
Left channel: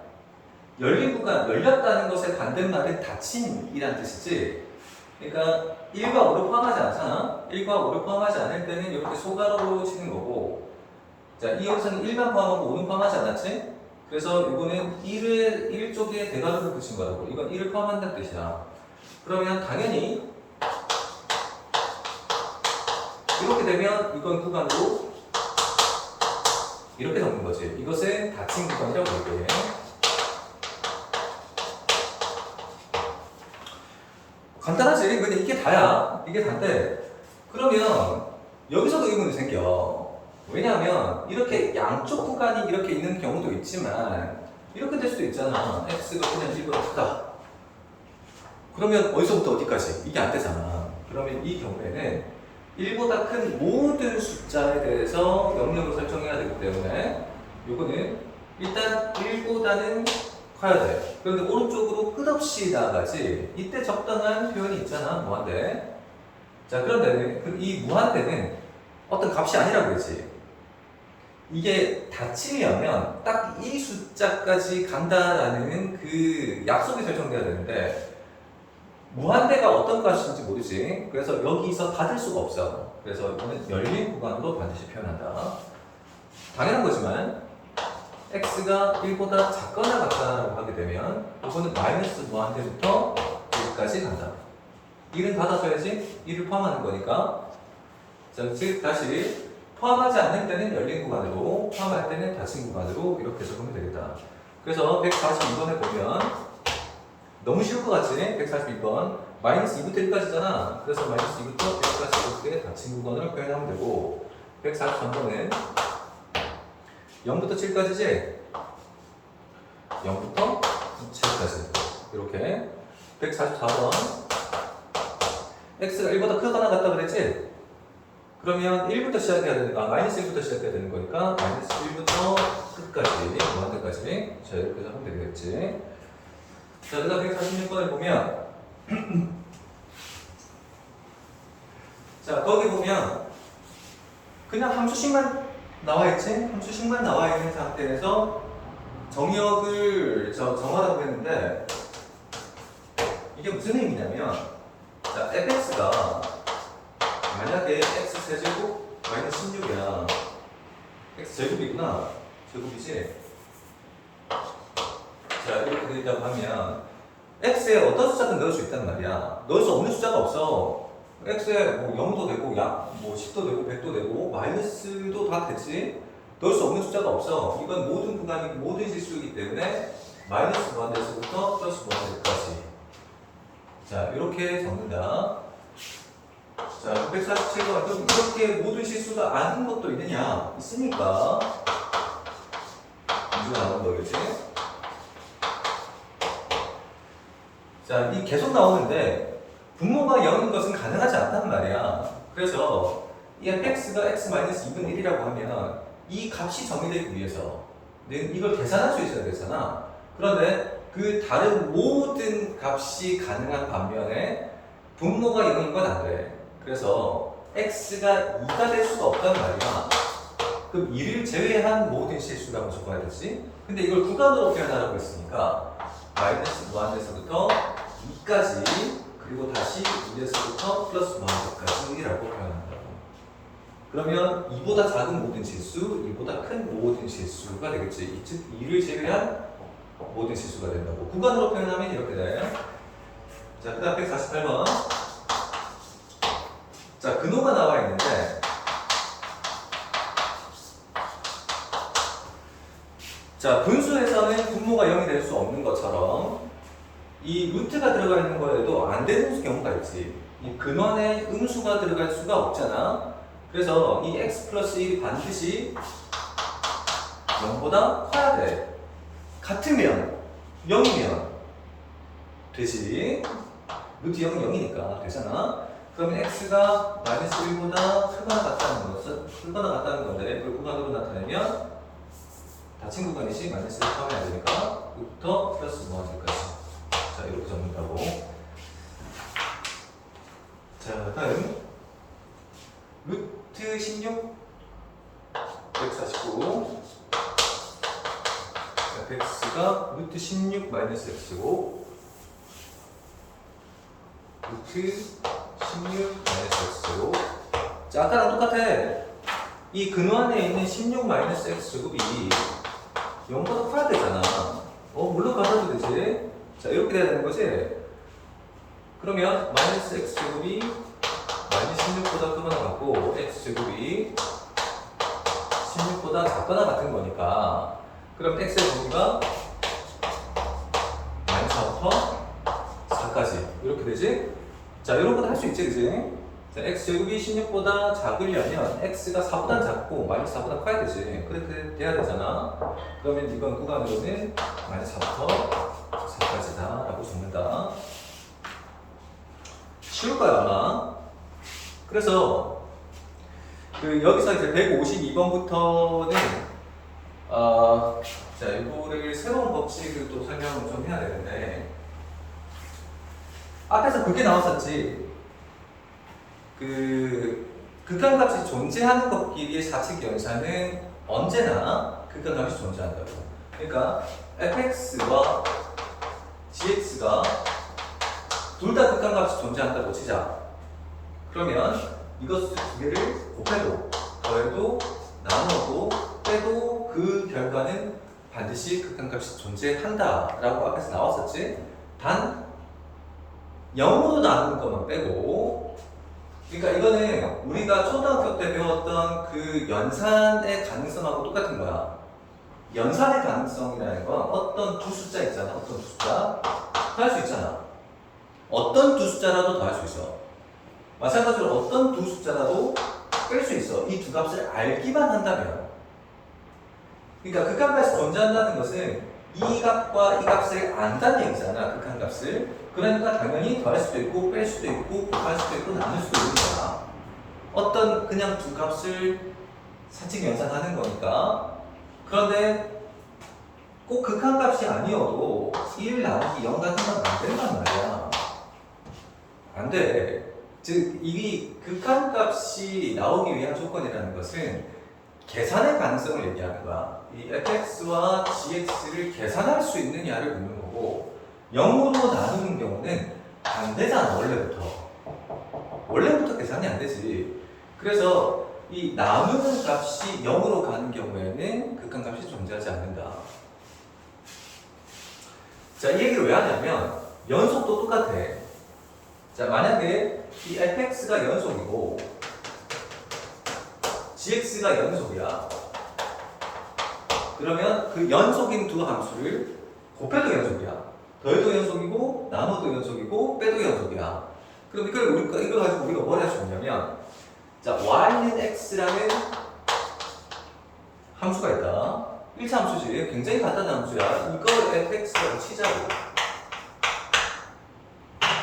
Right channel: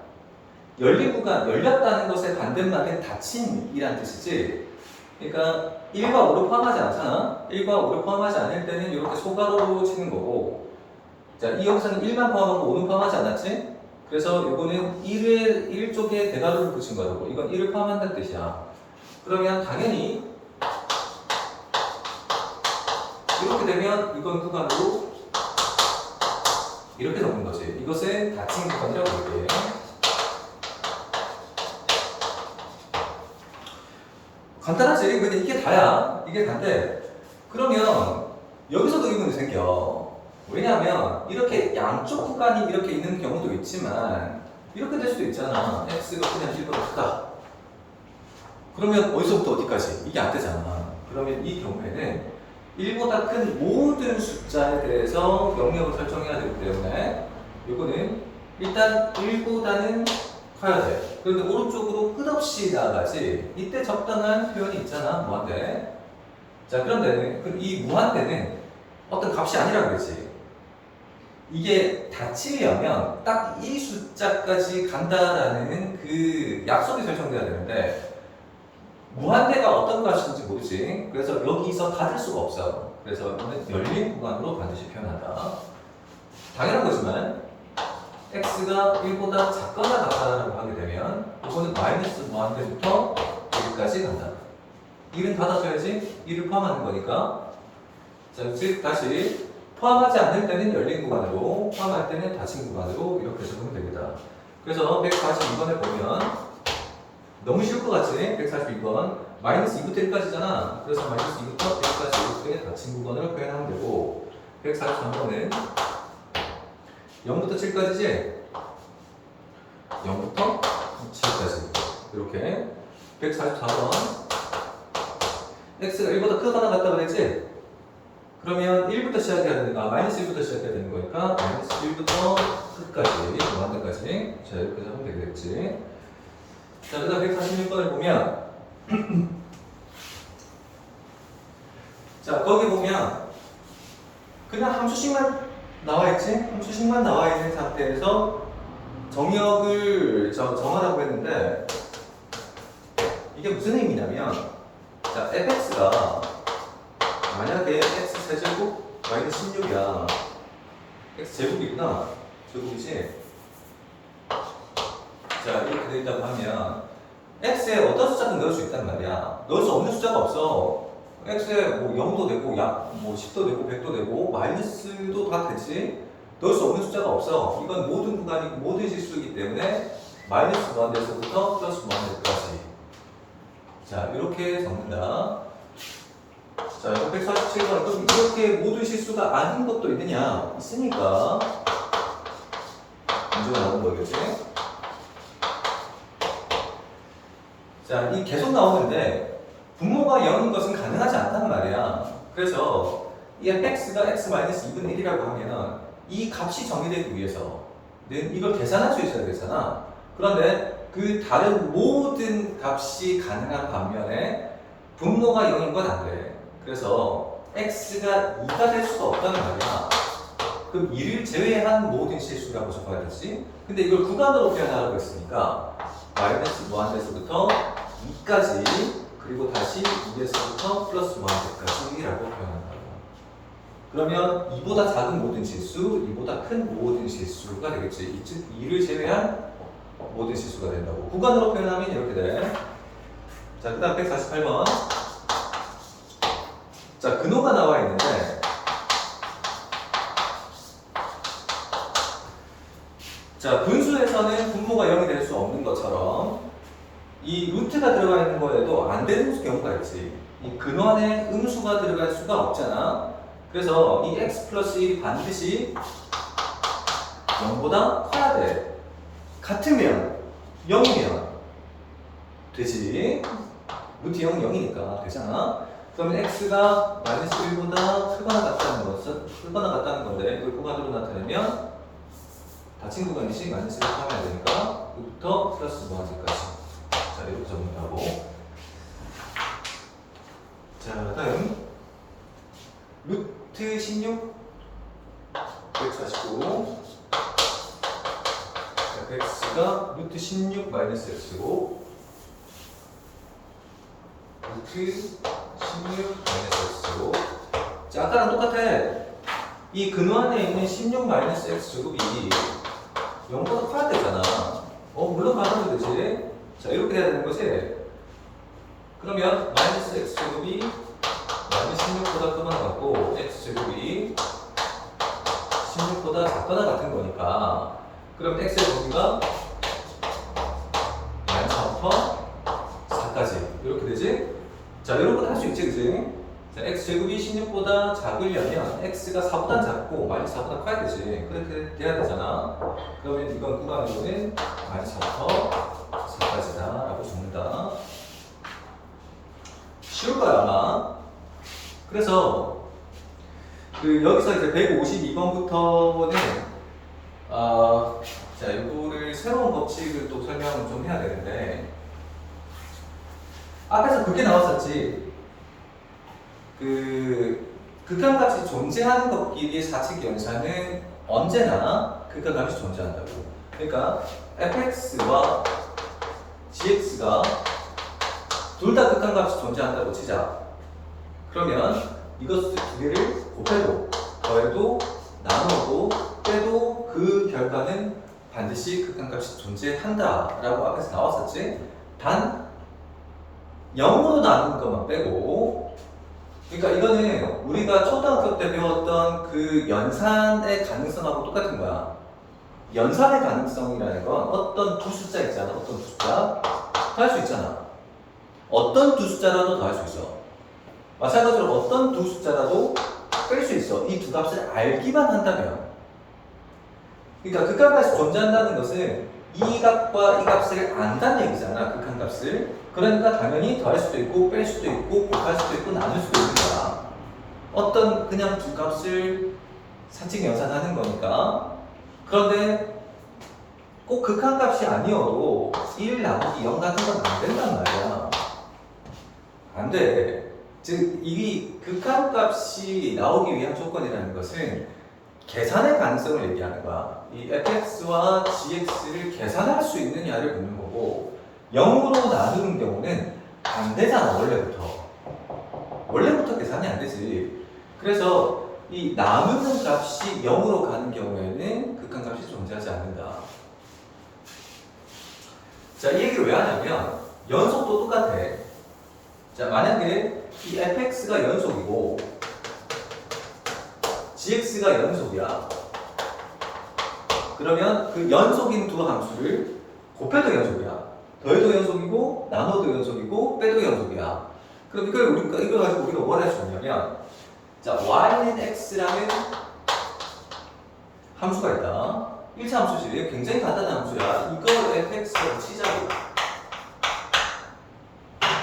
열린 구간, 열렸다는 것의 반대말은 닫힘이란 뜻이지. 그러니까 1과 5를 포함하지 않잖아. 1과 5를 포함하지 않을 때는 이렇게 소괄호로 치는 거고, 자, 이 여기서는 1만 포함하고 5는 포함하지 않았지? 그래서 이거는 1 쪽에 대괄호를 붙인 거라고. 이건 1을 포함한다는 뜻이야. 그러면 당연히 이렇게 되면 이건 구간으로 이렇게 적는 거지. 이것은 닫힌 구간이라고 얘기해. 간단하지? 근데 이게 다야. 이게 다인데, 그러면 여기서도 의문이 생겨. 왜냐하면 이렇게 양쪽 구간이 이렇게 있는 경우도 있지만 이렇게 될 수도 있잖아. x가 그냥 1보다 크다. 그러면 어디서부터 어디까지? 이게 안 되잖아. 그러면 이 경우에는 1보다 큰 모든 숫자에 대해서 영역을 설정해야 되기 때문에 이거는 일단 1보다는 커야 돼. 그런데 오른쪽으로 끝없이 나아가지. 이때 적당한 표현이 있잖아. 무한대. 자, 그런데 이 무한대는 어떤 값이 아니라 그러지. 이게 닫히려면 딱 이 숫자까지 간다라는 그 약속이 설정돼야 되는데 무한대가 어떤 값인지 모르지. 그래서 여기서 닫을 수가 없어. 그래서 이거는 열린 구간으로 반드시 표현한다. 당연한 거지만 x가 1보다 작거나 같다라고 하게 되면 이거는 마이너스 무한대부터 여기까지 간다. 1은 닫아줘야지 1을 포함하는 거니까. 자, 즉 다시 포함하지 않는 때는 열린 구간으로, 포함할 때는 닫힌 구간으로 이렇게 적으면 되겠다. 그래서 142번에 보면 너무 쉬울 것 같지? 142번 마이너스 2부터 1까지잖아. 그래서 마이너스 2부터 1까지 이렇게 닫힌 구간으로 표현하면 되고 143번은 0부터 7까지지? 0부터 7까지 이렇게 144번 x가 1보다 크거나 같다 그랬지? 그러면 1부터 시작해야 되는, 마이너스 1부터 시작해야 되는 거니까 마이너스 1부터 끝까지 무한대까지 자 이렇게 하면 되겠지. 자, 그 다음 146번을 보면 자, 거기 보면 그냥 함수식만 나와있지? 함수식만 나와있는 상태에서 정역을 정하라고 했는데 이게 무슨 의미냐면 자, fx가 만약에 x 세제곱 마이너스 16이야. x 제곱이구나. 제곱이지? 자, 이렇게 되어 있다고 하면 x에 어떤 숫자든 넣을 수 있단 말이야. 넣을 수 없는 숫자가 없어. x에 뭐 0도 되고 뭐 10도 되고 100도 되고 마이너스도 다 되지. 넣을 수 없는 숫자가 없어. 이건 모든 구간이고 모든 실수이기 때문에 마이너스 무한대에서부터 플러스 무한대까지. 자, 이렇게 적는다. 자, 147번에 그럼 이렇게 모든 실수가 아닌 것도 있느냐? 있으니까 문제가 나오는 거겠지? 자, 이 계속 나오는데 분모가 0인 것은 가능하지 않단 말이야. 그래서 이 fx가 x-2분의 1이라고 하면 이 값이 정의되기 위해서는 이걸 계산할 수 있어야 되잖아. 그런데 그 다른 모든 값이 가능한 반면에 분모가 0인 건 안 돼. 그래서 x가 2가 될 수가 없다는 말이야. 그럼 1을 제외한 모든 실수라고 적어야 되지. 근데 이걸 구간으로 표현하라고 했으니까 마이너스 무한대에서부터 2까지 그리고 다시 2에서부터 플러스 무한대까지라고 표현한다. 그러면 2보다 작은 모든 실수, 2보다 큰 모든 실수가 되겠지. 즉 2를 제외한 모든 실수가 된다고. 구간으로 표현하면 이렇게 돼. 자, 그 다음 148번. 자, 근호가 나와 있는데 자, 분수에서는 분모가 0이 될 수 없는 것처럼 이 루트가 들어가 있는 거에도 안 되는 경우가 있지. 이 근원에 음수가 들어갈 수가 없잖아. 그래서 이 x 플러스 1이 반드시 0보다 커야 돼. 같으면 0이면 되지. 루트 0은 0이니까 되잖아. 그러면 x가 마이너스 1보다 크거나 같다는 건데 이걸 구간으로 나타내면 닫힌 구간이지 마이너스 1을 포함해야 되니까 이부터 플러스 무한대까지. 자, 이렇게 적는다고. 자, 다음 루트 16 149 fx가 루트 16 마이너스 x고 루트 16 마이너스 x고. 자, 아까랑 똑같아. 이 근호 안에 있는 16 마이너스 x 제곱이 0보다 커야 되잖아. 물론 가져도 되지. 자, 이렇게 돼야 되는 거지. 그러면 마이너스 x 제곱이 마이너스 16보다 크거나 같고 x 제곱이 16보다 작거나 같은 거니까 그럼 x의 범위가 마이너스 4부터 4까지 이렇게 되지? 자, 이런 것도 할 수 있지, 그지? 자, x제곱이 16보다 작으려면 x가 4보다 작고 마이너스 4보다 커야 되지. 그렇게 돼야 되잖아. 그러면 이건 구간으로는 마이너스 4부터 4까지다 라고 적는다. 쉬울 거야 아마. 그래서 여기서 이제 152번부터는 자, 이거를 새로운 법칙을 또 설명을 좀 해야 되는데, 앞에서 그게 나왔었지. 극한값이 존재하는 것끼리의 사칙 연산은 언제나 극한값이 존재한다고. 그러니까 fx와 gx가 둘 다 극한값이 존재한다고 치자. 그러면 이것을 두 개를 곱해도 더해도 나누어도 빼도 그 결과는 반드시 극한값이 존재한다라고 앞에서 나왔었지. 단 0으로 나누는 것만 빼고, 그러니까 이거는 우리가 초등학교 때 배웠던 그 연산의 가능성하고 똑같은 거야. 연산의 가능성이라는 건 어떤 두 숫자 있잖아. 어떤 두 숫자 더할 수 있잖아. 어떤 두 숫자라도 더할 수 있어. 마찬가지로 어떤 두 숫자라도 뺄 수 있어. 이 두 값을 알기만 한다면. 그러니까 극한값이 존재한다는 것은 이 값과 이 값을 안다는 얘기잖아. 극한값을. 그러니까 당연히 더할 수도 있고 뺄 수도 있고 곱할 수도 있고 나눌 수도 있는 거야. 어떤 그냥 두 값을 사칙 연산하는 거니까. 그런데 꼭 극한값이 아니어도 1 나누기 0 같은 건 안 된단 말이야. 안 돼. 즉, 이 극한값이 나오기 위한 조건이라는 것은 계산의 가능성을 얘기하는 거야. 이 fx와 gx를 계산할 수 있느냐를 묻는 거고, 0으로 나누는 경우는 안 되잖아, 원래부터. 원래부터 계산이 안 되지. 그래서 이 나누는 값이 0으로 가는 경우에는 극한값이 존재하지 않는다. 자, 이 얘기를 왜 하냐면 연속도 똑같아. 자, 만약에 이 fx가 연속이고 gx가 연속이야. 그러면 그 연속인 두 함수를 곱해도 연속이야. 더해도 연속이고 나눠도 연속이고 빼도 연속이야. 그럼 이걸 가지고 우리가 뭘 할 수 있냐면, 자, y는 x라는 함수가 있다. 1차 함수지. 굉장히 간단한 함수야. 이걸 fx라고 치자고.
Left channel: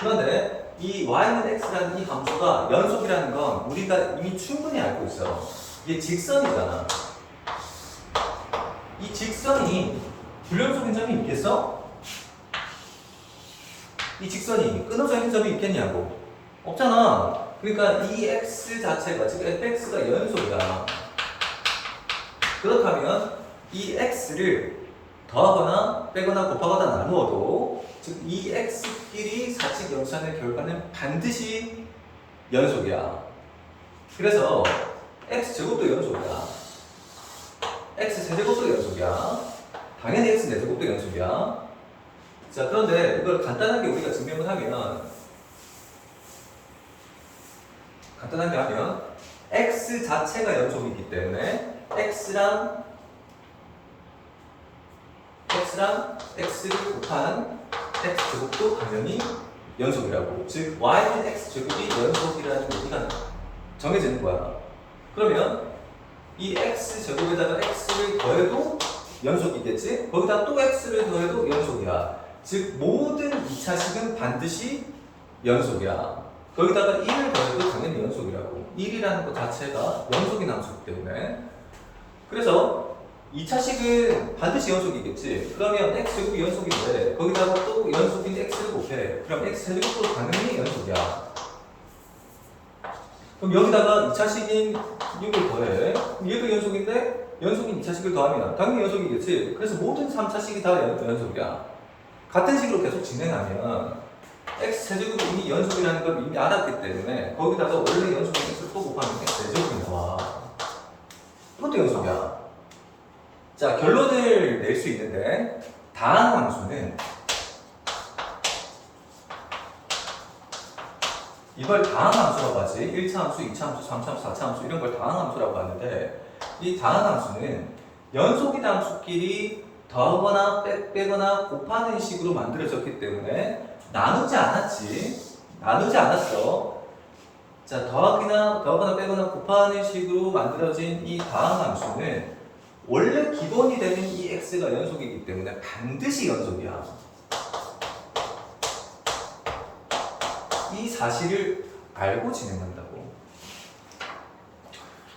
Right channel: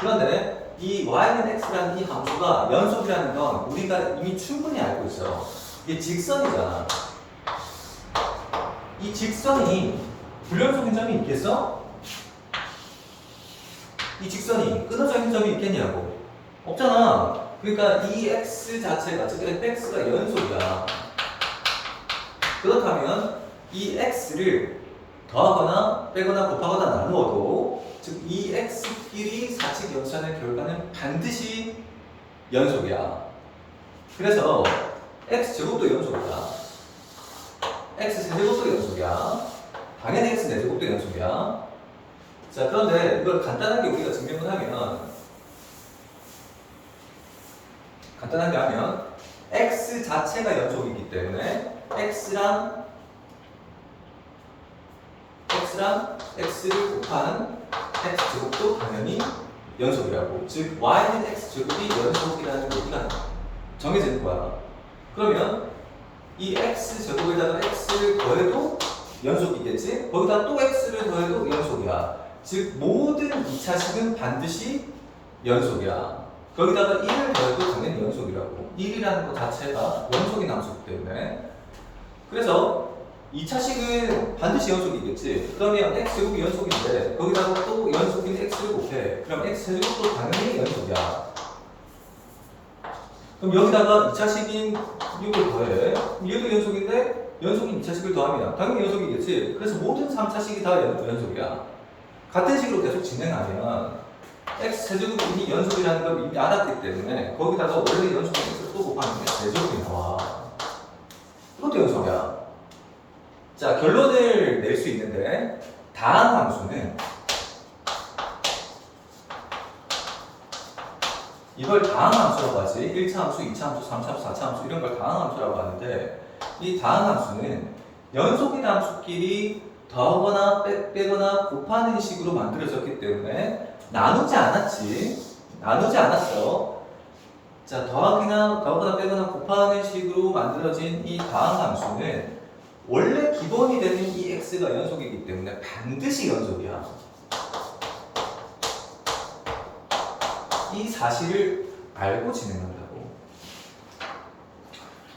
그런데 이 y는 x라는 이 함수가 연속이라는 건 우리가 이미 충분히 알고 있어. 이게 직선이잖아. 이 직선이 불연속인 점이 있겠어? 이 직선이 끊어져 있는 점이 있겠냐고. 없잖아. 그러니까 이 x 자체가, 즉 fx가 연속이다. 그렇다면 이 x를 더하거나 빼거나 곱하거나 나누어도, 즉 이 x끼리 사칙 연산의 결과는 반드시 연속이야. 그래서 x제곱도 연속이야. x세제곱도 연속이야. 당연히 x네제곱도 연속이야. 자, 그런데 이걸 간단하게 우리가 증명을 하면, 간단하게 하면 x 자체가 연속이기 때문에 x랑 x를 곱한 x제곱도 당연히 연속이라고. 즉 y는 x제곱이 연속이라는 얘기가 정해져 있는 거야. 그러면 이 x제곱에다가 x를 더해도 연속이겠지? 거기다 또 x를 더해도 연속이야. 즉 모든 2차식은 반드시 연속이야. 거기다가 1을 더해도 당연히 연속이라고. 1이라는 것 자체가 연속인 함수이기 때문에. 그래서 2차식은 반드시 연속이겠지. 그러면 x제곱이 연속인데 거기다가 또 연속인 x를 곱해. 그럼 x제곱도 당연히 연속이야. 그럼 여기다가 2차식인 6을 더해. 그럼 얘도 연속인데 연속인 2차식을 더하면 당연히 연속이겠지. 그래서 모든 3차식이 다 연속이야. 같은 식으로 계속 진행하면 x제곱이 이미 연속이라는 걸 이미 알았기 때문에 거기다가 원래 연속인 x를 또 곱하면 x제곱이 나와. 이것도 연속이야. 자, 결론을 낼 수 있는데, 다항 함수는 이걸 다항 함수라고 하지. 1차 함수, 2차 함수, 3차 함수, 4차 함수 이런 걸 다항 함수라고 하는데, 이 다항 함수는 연속인 함수끼리 더하거나 빼거나 곱하는 식으로 만들어졌기 때문에 나누지 않았지. 나누지 않았어. 자, 더하거나 빼거나 곱하는 식으로 만들어진 이 다항함수는 원래 기본이 되는 이 x가 연속이기 때문에 반드시 연속이야. 이 사실을 알고 진행한다고.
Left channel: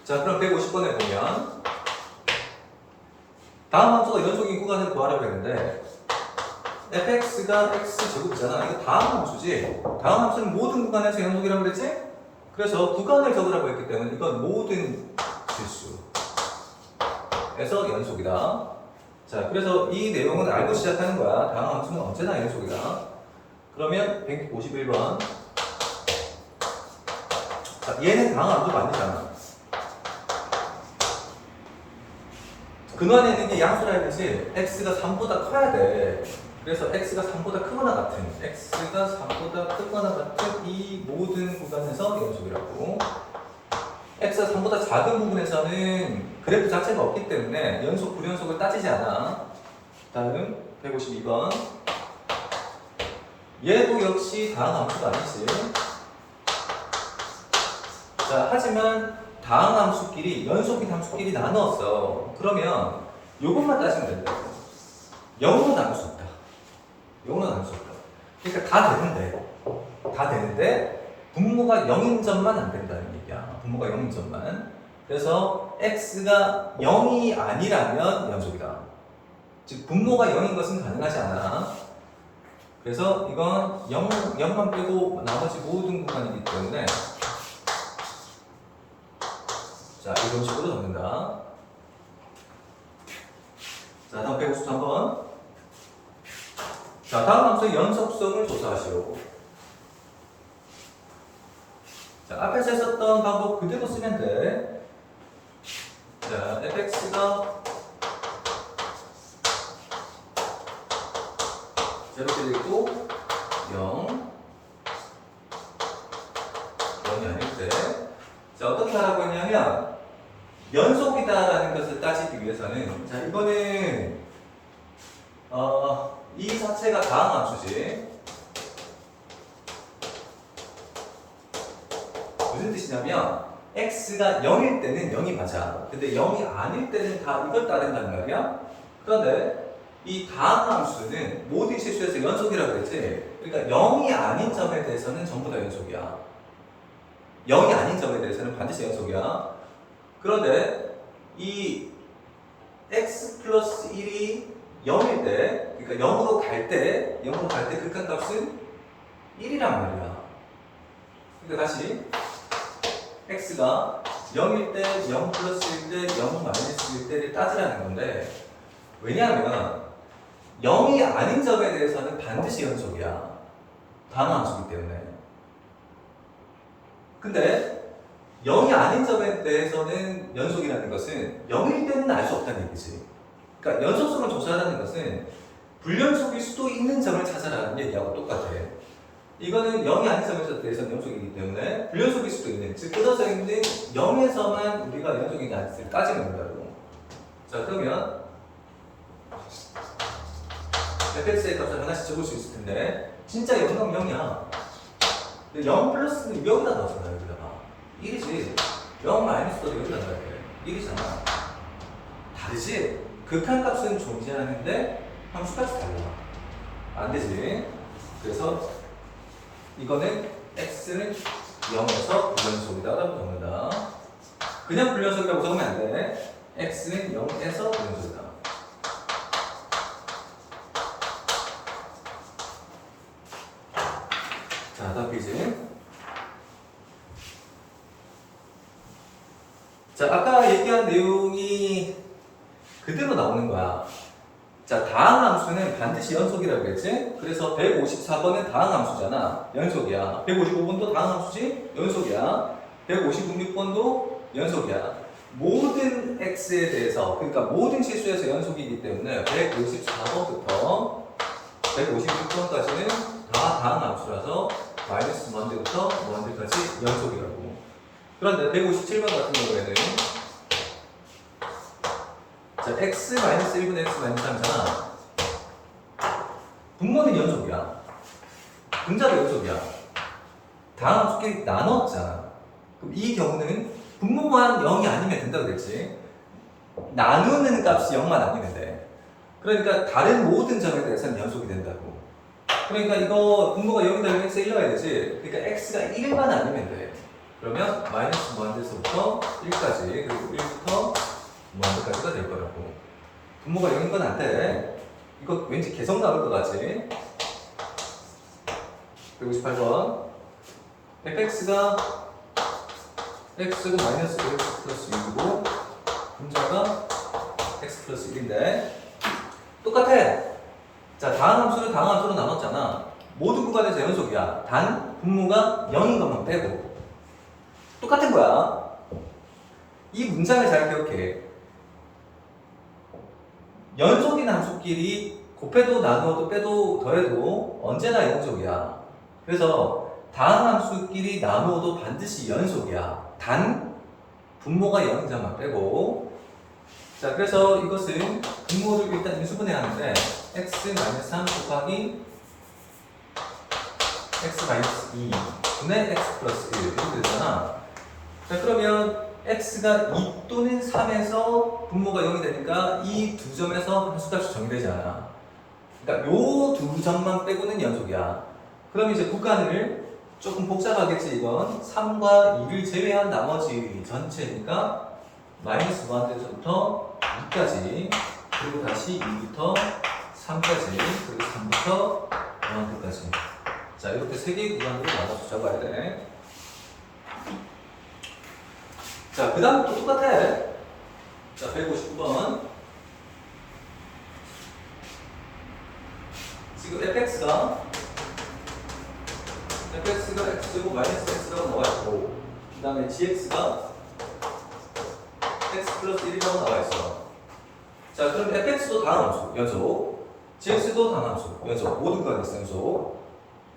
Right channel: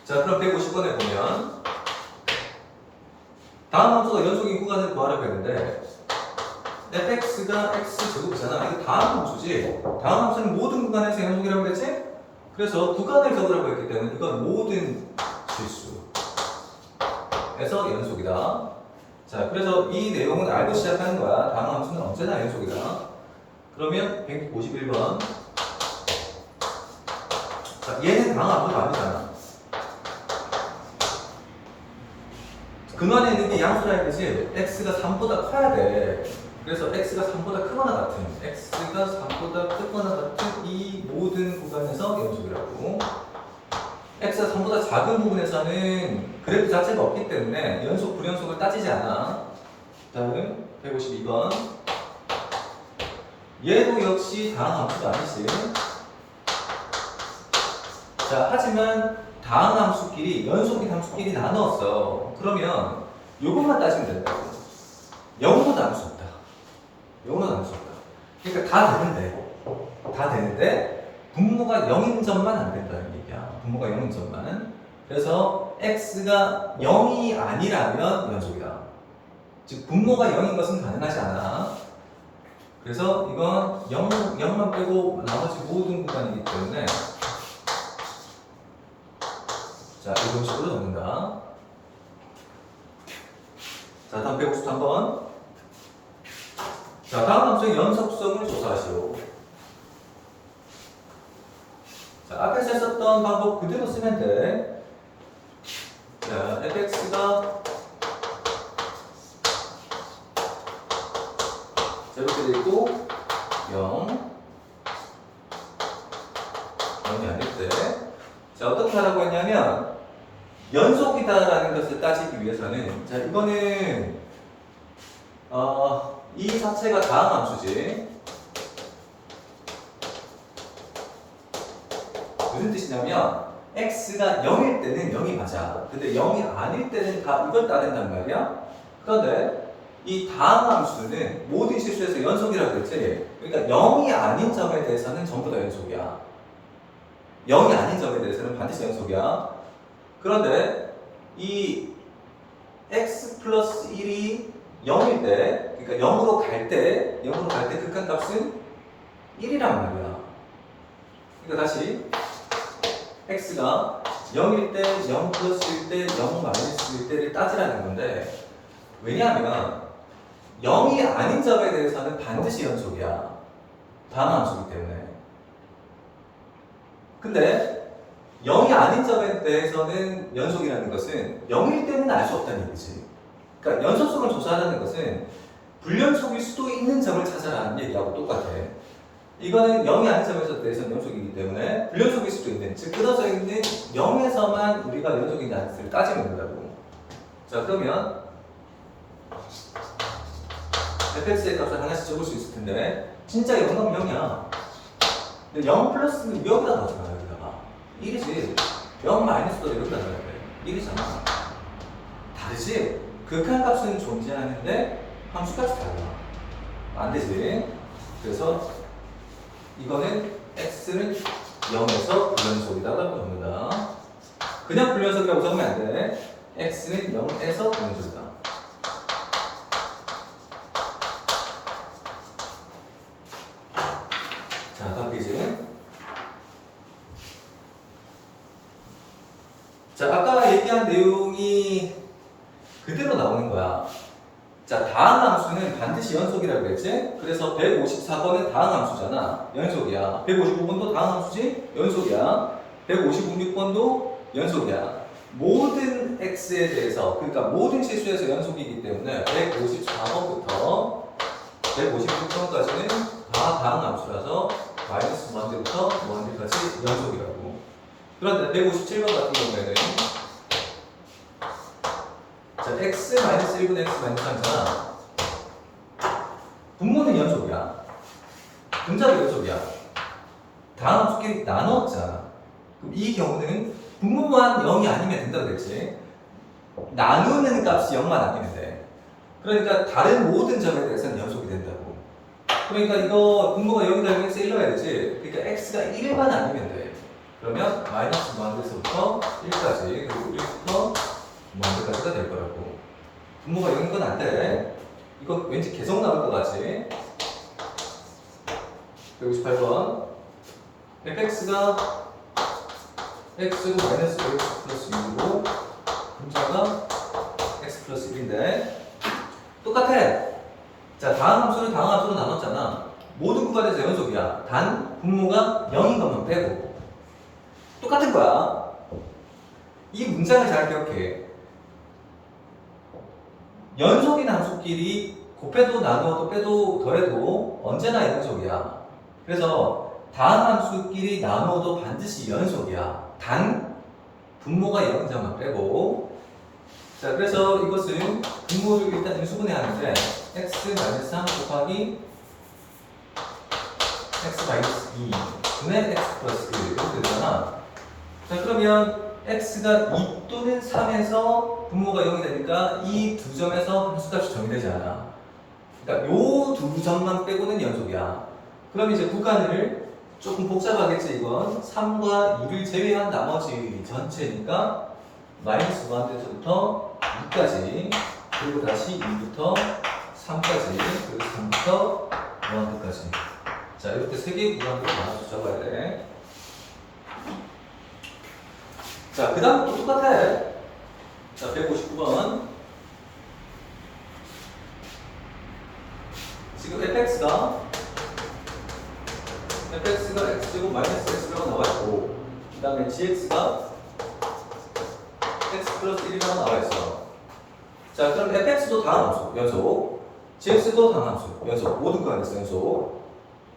자, 그럼 150번에 보면 다음 함수가 연속인 구간을 구하라고 했는데 fx가 x제곱이잖아. 이거 다음 함수지. 다음 함수는 모든 구간에서 연속이라고 그랬지? 그래서 구간을 적으라고 했기 때문에 이건 모든 실수에서 연속이다. 자, 그래서 이 내용은 알고 시작하는 거야. 다음 함수는 언제나 연속이다. 그러면 151번. 자, 얘는 다음 함수가 아니잖아. 근원에 있는 게 양수라는 뜻이 x가 3보다 커야 돼. 그래서 x가 3보다 크거나 같은 이 모든 구간에서 연속이라고. x가 3보다 작은 부분에서는 그래프 자체가 없기 때문에 연속, 불연속을 따지지 않아. 다음 152번. 얘도 역시 다항 함수가 아니지. 자, 하지만 다항 함수끼리, 연속인 함수끼리 나눴어. 그러면 요것만 따지면 된다고. 0으로 나눌 수 없다. 0으로 나눌 수 없다. 그러니까 다 되는데 분모가 0인 점만 안 된다는 얘기야. 분모가 0인 점만. 그래서 x가 0이 아니라면 연속이다. 즉 분모가 0인 것은 가능하지 않아. 그래서 이건 0만 빼고 나머지 모든 구간이기 때문에 자, 이런 식으로 적는다. 자, 다음 153번. 자, 다음 함수의 연속성을 조사하시오. 자, 앞에서 했었던 방법 그대로 쓰면 돼. 자, fx가 제로게 돼 있고 0 0이 아닐 때. 자, 어떻게 하라고 했냐면 연속이다라는 것을 따지기 위해서는 자, 이거는 이 자체가 다항 함수지. 무슨 뜻이냐면 x가 0일 때는 0이 맞아. 근데 0이 아닐 때는 다 이걸 따른단 말이야. 그런데 이 다항 함수는 모든 실수에서 연속이라고 했지. 그러니까 0이 아닌 점에 대해서는 전부 다 연속이야. 0이 아닌 점에 대해서는 반드시 연속이야. 그런데 이 x 플러스 1이 0일 때, 그러니까 0으로 갈 때 극한값은 1이란 말이야. 그러니까 다시 x가 0일 때, 0 플러스일 때, 0 마이너스일 때를 따지라는 건데 왜냐하면 0이 아닌 점에 대해서는 반드시 연속이야. 다항 함수이기 때문에. 근데 0이 아닌 점에 대해서는 연속이라는 것은 0일 때는 알 수 없다는 얘기지. 그러니까 연속성을 조사하는 것은 불연속일 수도 있는 점을 찾아라는 얘기하고 똑같아. 이거는 0이 아닌 점에 대해서는 연속이기 때문에 불연속일 수도 있는, 즉 끊어져 있는 0에서만 우리가 연속인지 아닌지를 따지면 된다고. 자, 그러면 fx의 값을 하나씩 적을 수 있을 텐데 진짜 0은 0이야. 근데 0 플러스는 여기다 넣어잖아. 여기다가 1이지. 0 마이너스도 여기다 넣어야 돼. 1이잖아. 다르지? 극한값은 존재하는데 함수값이 달라. 안 되지. 그래서 이거는 x는 0에서 불연속이다라고 적는다. 그냥 불연속이라고 적으면 안 돼. x는 0에서 불연속이다. 자, 다음 페이지. 자, 아까 얘기한 내용이 그대로 나오는 거야. 자, 다항 함수는 반드시 연속이라고 그랬지? 그래서 154번은 다항 함수잖아. 연속이야. 155번도 다항 함수지? 연속이야. 156번도 연속이야. 모든 x에 대해서, 그러니까 모든 실수에서 연속이기 때문에 154번부터 156번까지는 다 다항 함수라서 마이너스 무한대부터 무한대까지 연속이라고. 그런데 157번 같은 경우에는 자, x 마이너스 1분의 x 마이너스 3이잖아. 분모는 연속이야. 분자도 연속이야. 다항 함수끼리 나눴잖아. 그럼 이 경우는 분모만 0이 아니면 된다고 그랬지. 나누는 값이 0만 아니면 돼. 그러니까 다른 모든 점에 대해서는 연속이 된다고. 그러니까 이거 분모가 0이 되면 x 1 넣어야 되지. 그러니까 x가 1만 아니면 돼. 그러면 마이너스 무한대에서부터 1까지 그리고 1부터 무한대까지가 될 거라고. 분모가 0인 건 안 돼. 이거 왠지 계속 나올 것 같지? 158번 fx가 x제곱 마이너스 x 플러스 2고 분자가 x 플러스 1인데 똑같아. 자, 다음 함수를 나눴잖아. 모든 구간에서 연속이야. 단 분모가 0인 것만 빼고 똑같은 거야. 이 문장을 잘 기억해. 연속인 함수끼리 곱해도 나누어도 빼도 더해도 언제나 연속이야. 그래서 다음 함수끼리 나누어도 반드시 연속이야. 단 분모가 0인 점만 빼고. 자, 그래서 이것은 분모를 일단 인수분해 하는데 x-3 곱하기 x-2 분의 x 플러스 1 이렇게 되잖아. 자, 그러면 x가 2 또는 3에서 분모가 0이 되니까 이 두 점에서 함수값이 정의되지 않아. 그러니까 요 두 점만 빼고는 연속이야. 그럼 이제 구간을 조금 복잡하겠지 이건. 3과 2를 제외한 나머지 전체니까 마이너스 무한대에서부터 2까지 그리고 다시 2부터 3까지 그리고 3부터 무한대까지. 자, 이렇게 세 개의 구간으로 나눠서 적어야 돼. 자, 그 다음 또 똑같아. 자, 159번. 지금 fx가 x제곱 마이너스 x라고 나와있고, 그 다음에 gx가 x 플러스 1이라고 나와있어. 자, 그럼 fx도 다음 함수, 연속. gx도 다음 함수, 연속. 모든 구간에서 연속.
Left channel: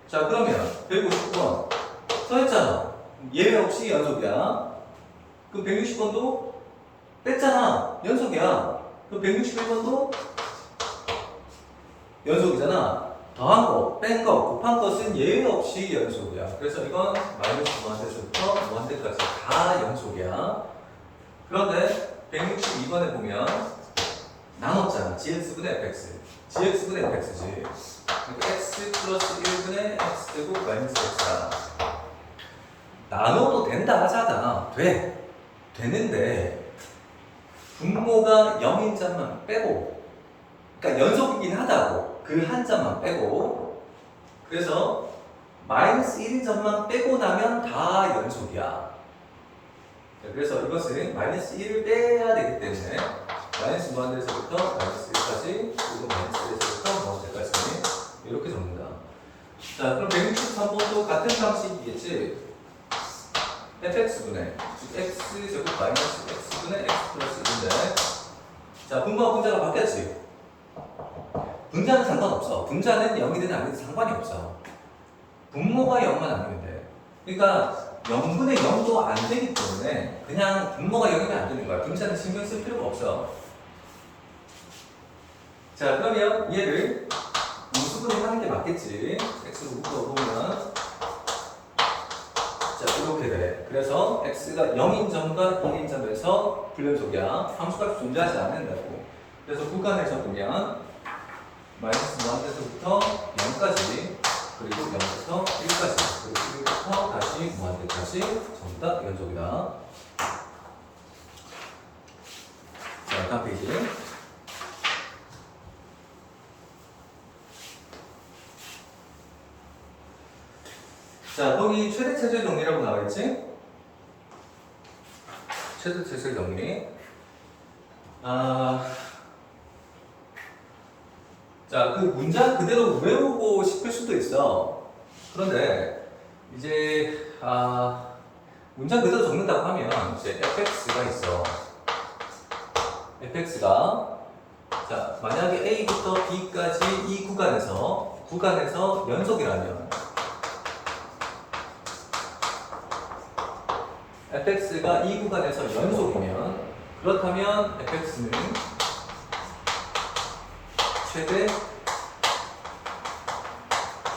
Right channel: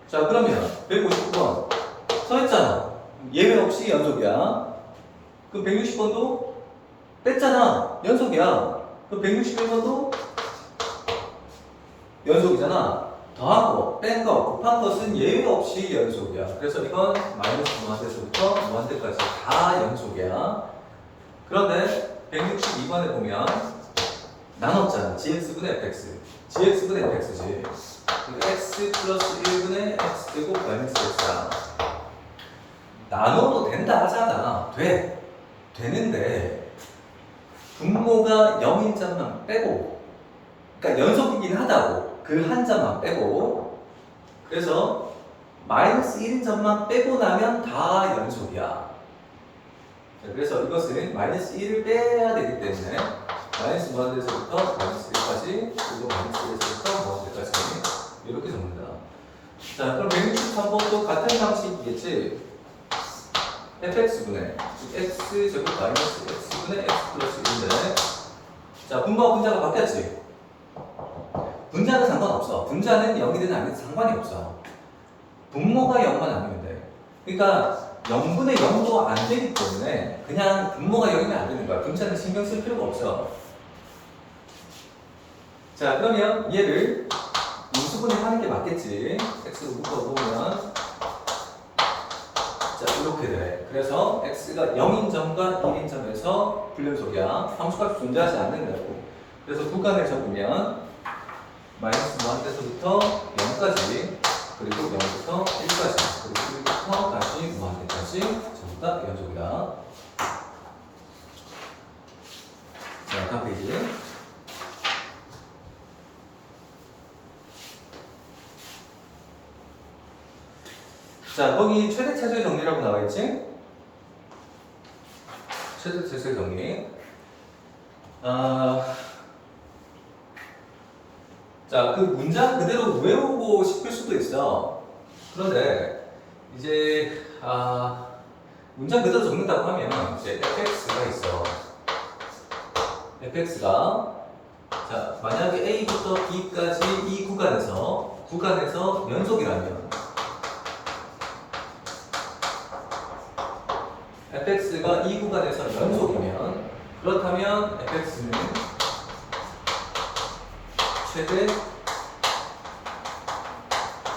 자, 그러면 159번 써있잖아. 예외 없이 연속이야. 그럼 160번도 뺐잖아. 연속이야. 그럼 161번도 연속이잖아. 더한 거, 뺀 거, 곱한 것은 예외 없이 연속이야. 그래서 이건 마이너스 무한대에서부터 무한대까지 다 연속이야. 그런데 162번에 보면 나눴잖아. gx분의 fx. gx분의 fx지. 그러니까 x 플러스 1분의 x제곱 마이너스 x야. 나눠도 된다 하잖아. 되는데 분모가 0인 점만 빼고, 그러니까 연속이긴 하다고. 그 한 점만 빼고. 그래서 마이너스 1인 점만 빼고 나면 다 연속이야. 그래서 이것은 마이너스 1을 빼야 되기 때문에 마이너스 무한대에서부터 마이너스 1까지 그리고 마이너스 1에서부터 무한대까지 이렇게 적는다. 자, 그럼 163번도 같은 방식이겠지. fx분의 즉 x제곱 마이너스 x분의 x 플러스 1인데, 자, 분모와 분자가 바뀌었지. 분자는 상관없어. 분자는 0이든 아니든 상관이 없어. 분모가 0만 아니면 돼. 그러니까 0분의 0도 안 되기 때문에 그냥 분모가 0이면 안 되는 거야. 분자는 신경 쓸 필요가 없어. 자, 그러면 얘를 인수분해 하는 게 맞겠지. x로 묶어보면 자, 이렇게 돼. 그래서 x가 0인 점과 1인 점에서 불연속이야. 함수값이 존재하지 않는다고. 그래서 구간을 적으면 마이너스 무한대에서부터 0까지 그리고 0부터 1까지 그리고 1부터 다시 무한대까지 전부 다 연속이다. 자, 다음 페이지. 자, 거기 최대 최소의 정리라고 나와있지? 최대 최소의 정리. 자, 그 문장 그대로 외우고 싶을 수도 있어. 그런데 이제 문장 그대로 적는다고 하면 이제 fx가 있어. fx가 자, 만약에 a부터 b까지 이 구간에서 연속이라면 fx가 이 구간에서 연속이면, 그렇다면 fx는 최대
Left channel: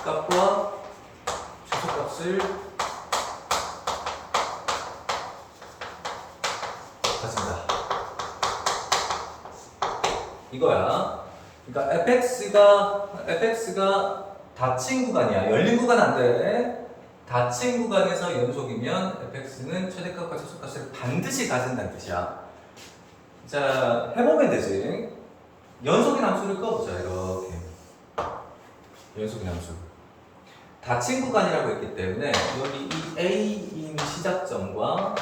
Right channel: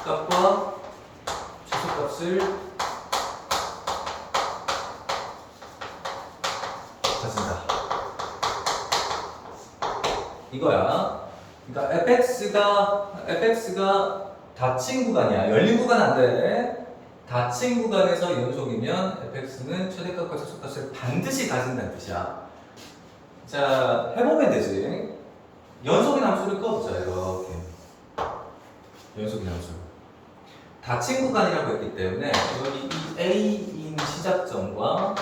값과 최소값을 이거야. 그러니까 fx가 닫힌 구간이야. 열린 구간 안 돼. 닫힌 구간에서 연속이면 fx는 최대값과 최소값을 반드시 가진다는 뜻이야. 자, 해보면 되지. 연속인 함수를 꺼보자. 이렇게 연속인 함수. 닫힌 구간이라고 했기 때문에 여기 이 A인 시작점과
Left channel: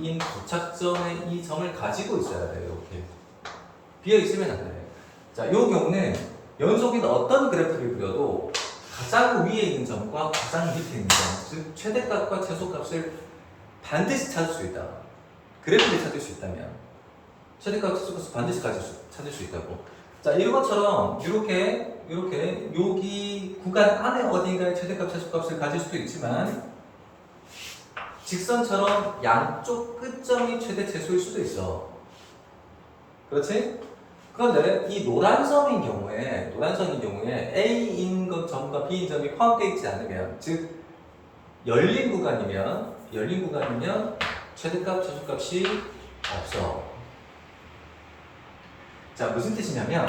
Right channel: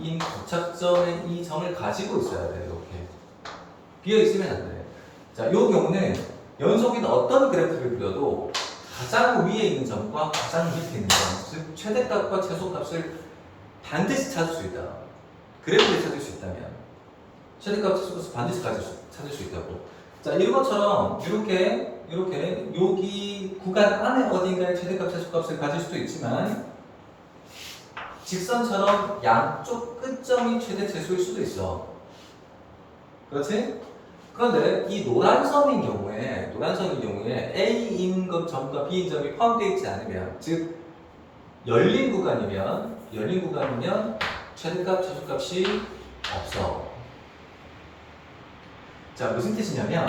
B인 도착점의 이 점을 가지고 있어야 돼. 이렇게 비어 있으면 안 돼. 자, 이 경우는 연속인 어떤 그래프를 그려도 가장 위에 있는 점과 가장 밑에 있는 점, 즉 최대값과 최소값을 반드시 찾을 수 있다. 그래프를 찾을 수 있다면 최대값, 최소값을 반드시 찾을 수 있다고. 자, 이런 것처럼 이렇게 여기 구간 안에 어딘가에 최대값, 최소값을 가질 수도 있지만 직선처럼 양쪽 끝점이 최대, 최소일 수도 있어. 그렇지? 그런데 이 노란선인 경우에 A인 것 점과 B인 점이 포함되어 있지 않으면, 즉 열린 구간이면 최대값, 최소값이 없어. 자, 무슨 뜻이냐면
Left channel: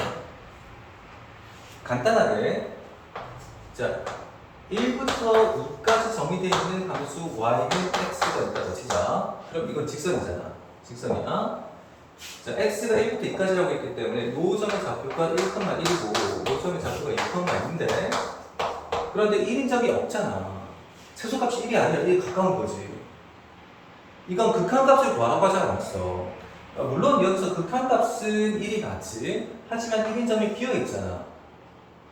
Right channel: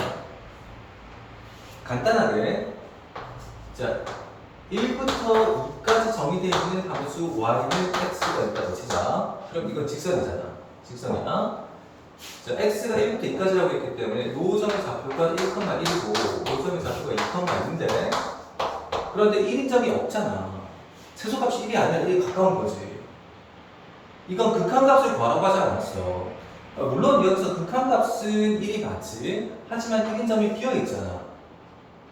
간단하게 자 1부터 2까지 정의되어 있는 함수 y는 x가 있다고 치자. 그럼 이건 직선이잖아. 직선이야. 자, x가 1부터 2까지라고 했기 때문에 이 점의 좌표가 1,1이고 이 점의 좌표가 2,2인데 그런데 1인 점이 없잖아. 최소값이 1이 아니라 1에 가까운 거지. 이건 극한값을 구하라고 하지 않았어. 물론 여기서 극한값은 1이 맞지. 하지만 1인 점이 비어있잖아.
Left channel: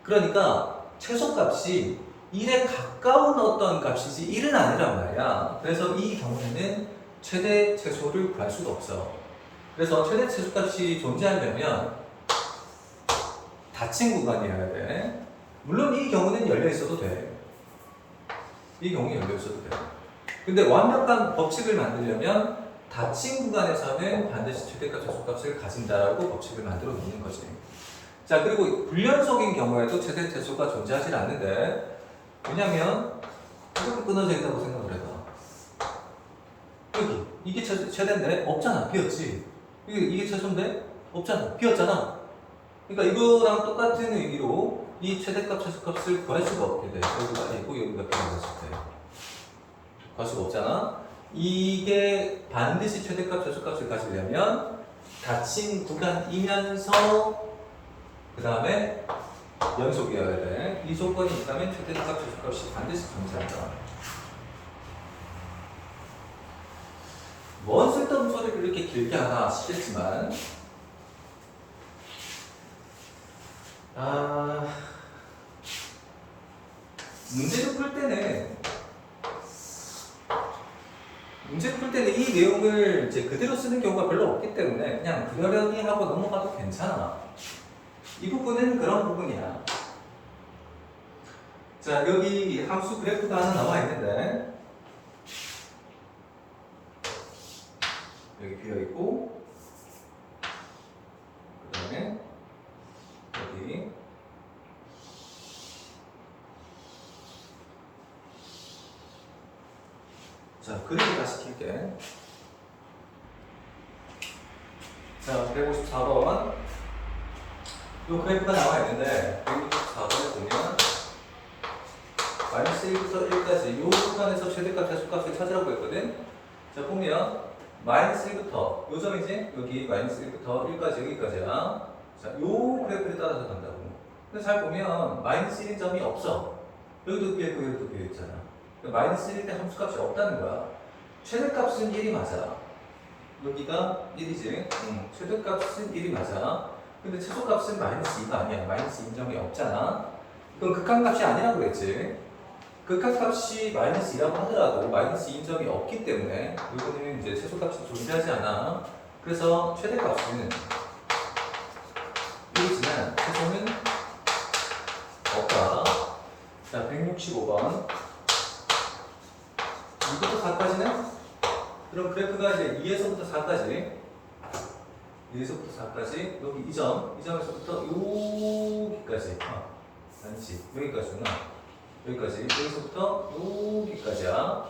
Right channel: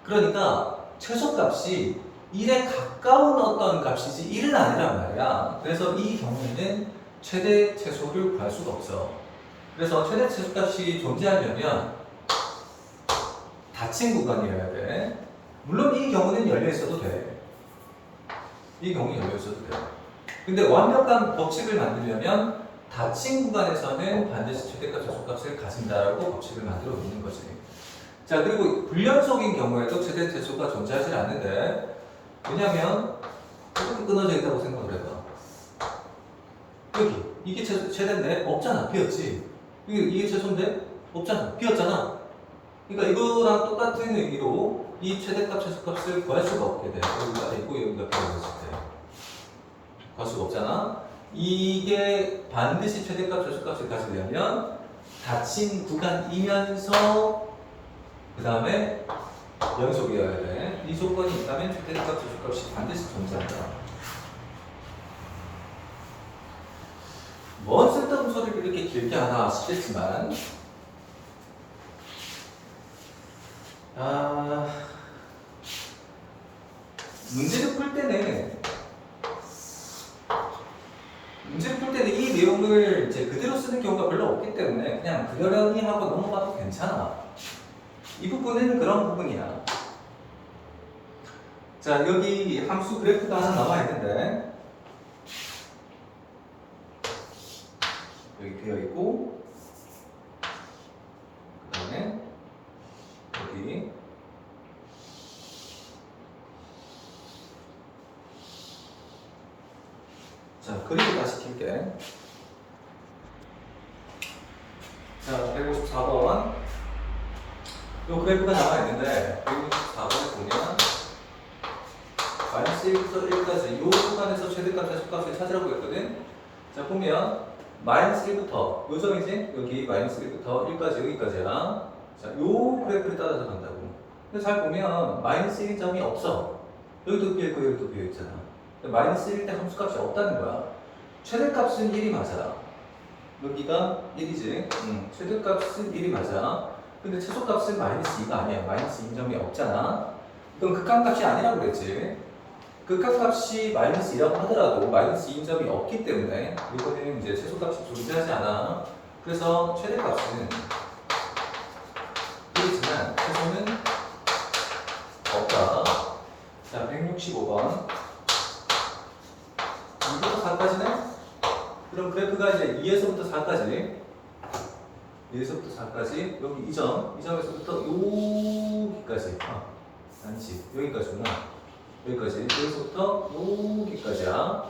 그러니까 최소값이 1에 가까운 어떤 값이지 1은 아니란 말이야. 그래서 이 경우에는 최대 최소를 구할 수가 없어. 그래서 최대 최소값이 존재하려면 닫힌 구간이어야 돼. 물론 이 경우는 열려 있어도 돼. 이 경우는 열려 있어도 돼. 근데 완벽한 법칙을 만들려면 닫힌 구간에서는 반드시 최대값, 최소값을 가진다라고 법칙을 만들어 놓는 거지. 자, 그리고 불연속인 경우에도 최대, 최소가 존재하지 않는데 왜냐면 이렇게 끊어져 있다고 생각을 해봐. 여기 이게 최대인데 없잖아. 비었지. 이게 최소인데 없잖아. 비었잖아. 그러니까 이거랑 똑같은 의미로 이 최대값, 최소값을 구할 수가 없게 돼. 여기가 있고 여기가 비어있을 때 구할 수가 없잖아. 이게 반드시 최대값, 최소값을 가지려면 닫힌 구간이면서 그 다음에 연속이어야 돼. 이 조건이 있다면 최대값, 최소값이 반드시 존재한다. 뭔 쓸데없는 소리를 이렇게 길게 하나 싶겠지만 문제를 풀 때는 이 내용을 이제 그대로 쓰는 경우가 별로 없기 때문에 그냥 그러려니 하고 넘어가도 괜찮아. 이 부분은 그런 부분이야. 자, 여기 함수 그래프가 하나 남아있는데 여기 비어있고 그 다음에 여기 자, 그리고 다시 킬게. 자, 154번 요 그래프가 남아있는데 154번에 보면 마이너스 1부터 1까지 요 구간에서 최대값, 최소값을 찾으라고 했거든. 자, 보면 마이너스 1부터 요 점이지? 여기 마이너스 1부터 1까지 여기까지야. 자, 요 그래프를 따라서 간다고. 근데 잘 보면 마이너스 1인 점이 없어. 여기도 비어있고 여기도 비어있잖아. 마이너스 1일 때 함수값이 없다는 거야. 최대값은 1이 맞아. 여기가 1이지. 최대값은 1이 맞아. 근데 최소값은 마이너스 2가 아니야. 마이너스 2점이 없잖아. 그럼 극한값이 아니라고 그랬지. 극한값이 마이너스 2라고 하더라도 마이너스 2인 점이 없기 때문에 이거는 이제 최소값이 존재하지 않아. 그래서 최대값은 1이지만 최소는 없다. 자, 165번 2부터 4까지네? 그럼 그래프가 이제 2에서부터 4까지 2에서부터 4까지 여기 이 점에서부터 여기까지 아니지 여기까지구나. 여기서부터 여기까지야.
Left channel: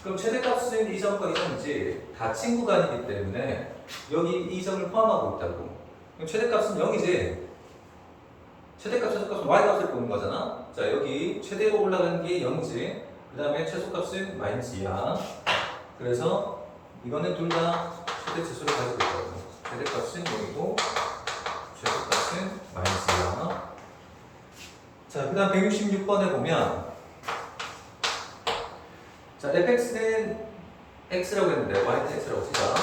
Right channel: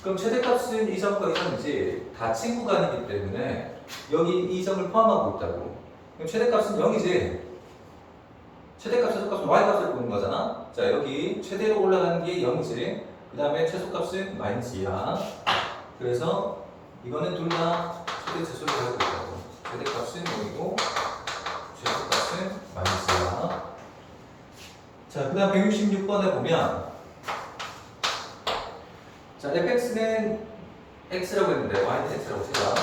그럼 최대값은 이 점과 이 점이지 닫힌 구간이기 때문에 여기 이 점을 포함하고 있다고. 최대값은 0이지. 최대값, 최소값은 y값을 보는 거잖아. 자, 여기 최대로 올라가는 게 0이지. 그 다음에 최소값은 마이너스 2야. 그래서 이거는 둘 다 최대 최소를 가지고 있다고. 최대값은 0이고 최소값은 마이너스 2야. 자, 그 다음 166번에 보면 자, fx는 x라고 했는데 y는 x라고 치자.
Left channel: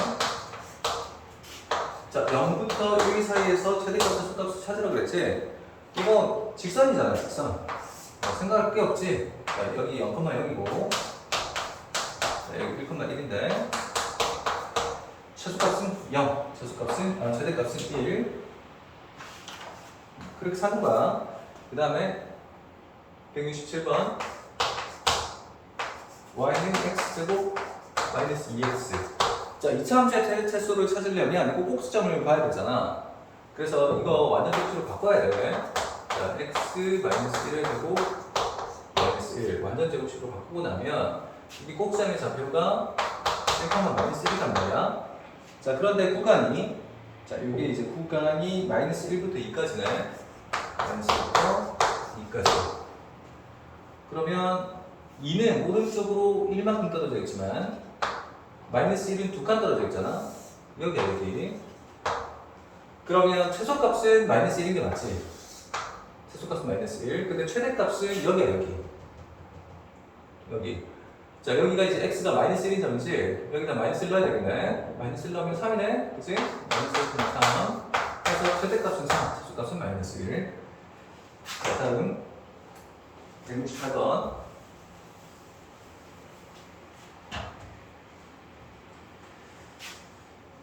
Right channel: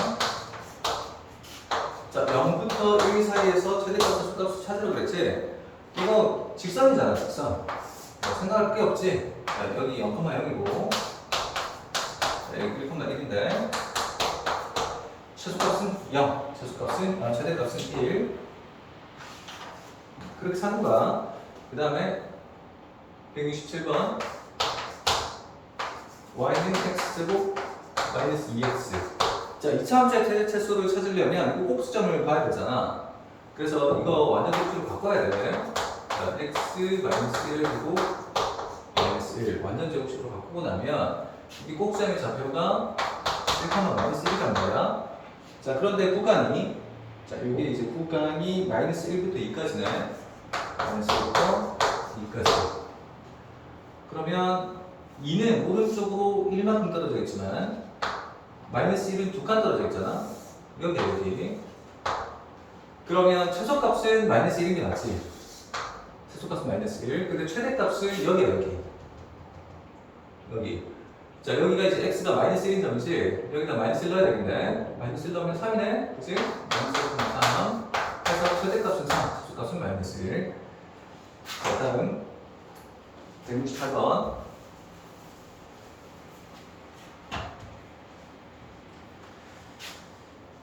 자, 0부터 1 사이에서 최대값, 최소값을 찾으라고 그랬지? 이거 직선이잖아, 직선. 생각할 게 없지? 자, 여기 0,0이고 여기 1,1인데 최소값은 0, 최대값은 1. 그렇게 사는 거야. 그 다음에 167번 y는 x제곱 마이너스 2x. 자, 이차함수의 최소를 찾으려면 꼭 꼭수점을 봐야 되잖아. 그래서 이거 완전 제곱식으로 바꿔야 돼. 자, x 마이너스 1을 두고 마이너스 1 완전 제곱식으로 바꾸고 나면 이 꼭수점의 좌표가 1, 마이너스 1이란 말이야. 자, 그런데 구간이 자, 이게 이제 구간이 마이너스 1부터 2까지네. 마이너스 1부터 2까지. 그러면 2는 오른쪽으로 1만큼 떨어져 있지만 마이너스 1은 2칸 떨어져 있잖아. 여기. 그러면 최소값은 마이너스 1인 게 맞지? 최소값은 마이너스 1. 근데 최대값은 여기야, 여기. 자, 여기가 이제 x가 마이너스 1인 점이지? 여기다 마이너스 1 넣어야 되겠네. 마이너스 1 넣으면 3이네. 그치? 마이너스 1,3. 해서 최대값은 3, 최소값은 마이너스 1. 자, 다음 168번.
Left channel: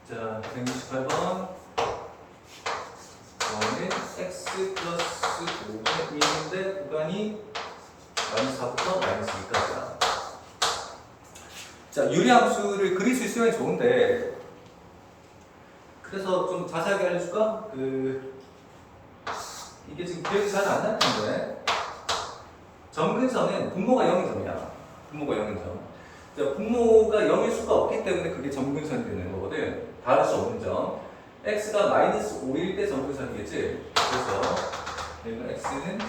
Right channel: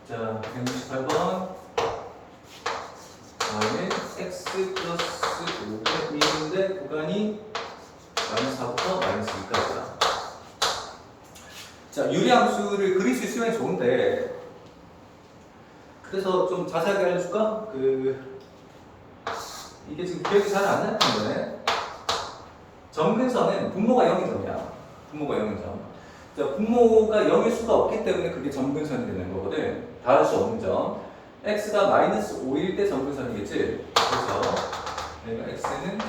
자, 168번. y는 x 플러스 5분의 1인데 구간이 마이너스 4부터 마이너스 2까지야. 자, 유리함수를 그릴 수 있으면 좋은데 그래서 좀 자세하게 알려줄까? 이게 지금 기억이 잘 안 날 텐데 점근선은 분모가 0인 점이야. 분모가 0인 점. 자, 분모가 0일 수가 없기 때문에 그게 점근선이 되는 거거든. 다를 수 없는 점. x가 마이너스 5일 때 점근선이겠지? 그래서 얘가 x는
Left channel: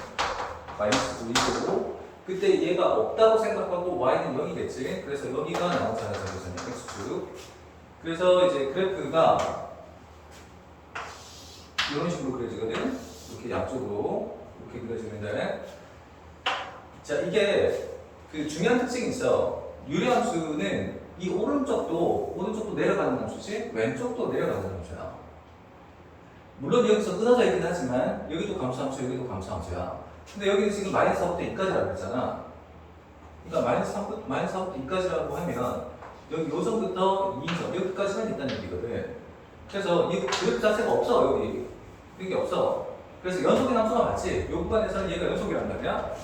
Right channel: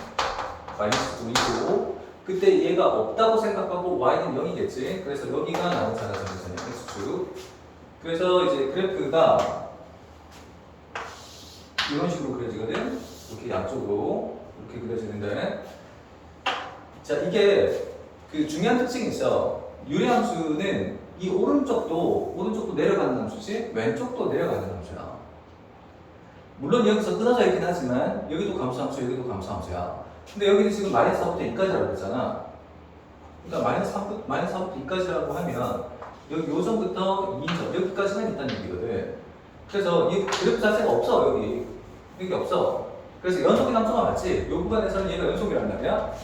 마이너스 5이고 그때 얘가 없다고 생각하고 y는 0이겠지? 그래서 여기가 나오는 점근선이야. x축. 그래서 이제 그래프가 이런 식으로 그려지거든? 이렇게 양쪽으로 이렇게 그려지는데 자, 이게 그 중요한 특징이 있어. 유리함수는 이 오른쪽도 내려가는 함수지 왼쪽도 내려가는 함수야. 물론 여기서 끊어져 있긴 하지만 여기도 감소함수, 여기도 감소함수야. 근데 여기는 지금 마이너스 4부터 2까지라고 했잖아. 그러니까 마이너스 4부터 2까지라고 하면 여기 요점부터 2점 여기까지만 있다는 얘기거든. 그래서 이 그래프 자체가 없어. 여기 없어. 그래서 연속인 함수가 맞지? 이 구간에서는 얘가 연속이란 말이야.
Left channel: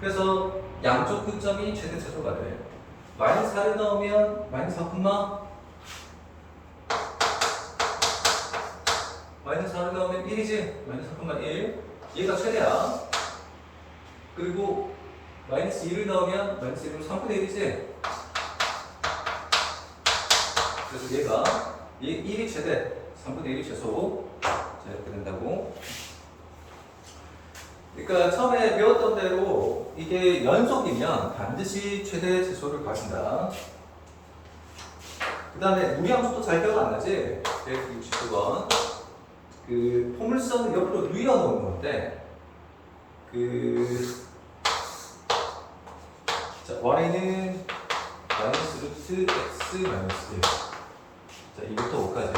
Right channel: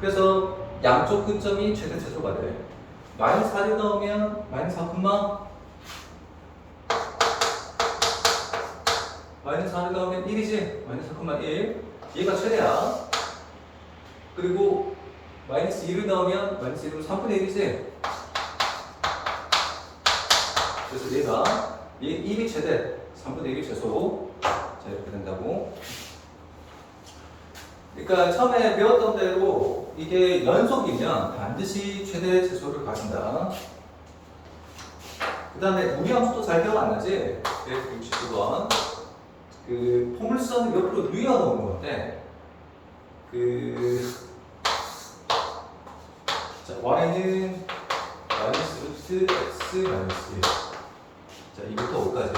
그래서 양쪽 근점이 최대 최소가 돼. 마이너스 4를 넣으면 마이너스 4, 마이너스 4를 넣으면 1이지? 마이너스 4,1. 얘가 최대야. 그리고 마이너스 2를 넣으면 마이너스 1은 3분의 1이지? 그래서 얘 1이 최대, 3분의 1이 최소. 자, 이렇게 된다고. 그러니까 처음에 배웠던 대로 이게 연속이면 반드시 최대 최소를 가진다. 그 다음에 무리함수도 잘 기억 안 나지? 169번. 그 포물선을 옆으로 누워 놓은 건데, 자, y는 마이너스 루트 x 마이너스 1. 자, 2부터 5까지.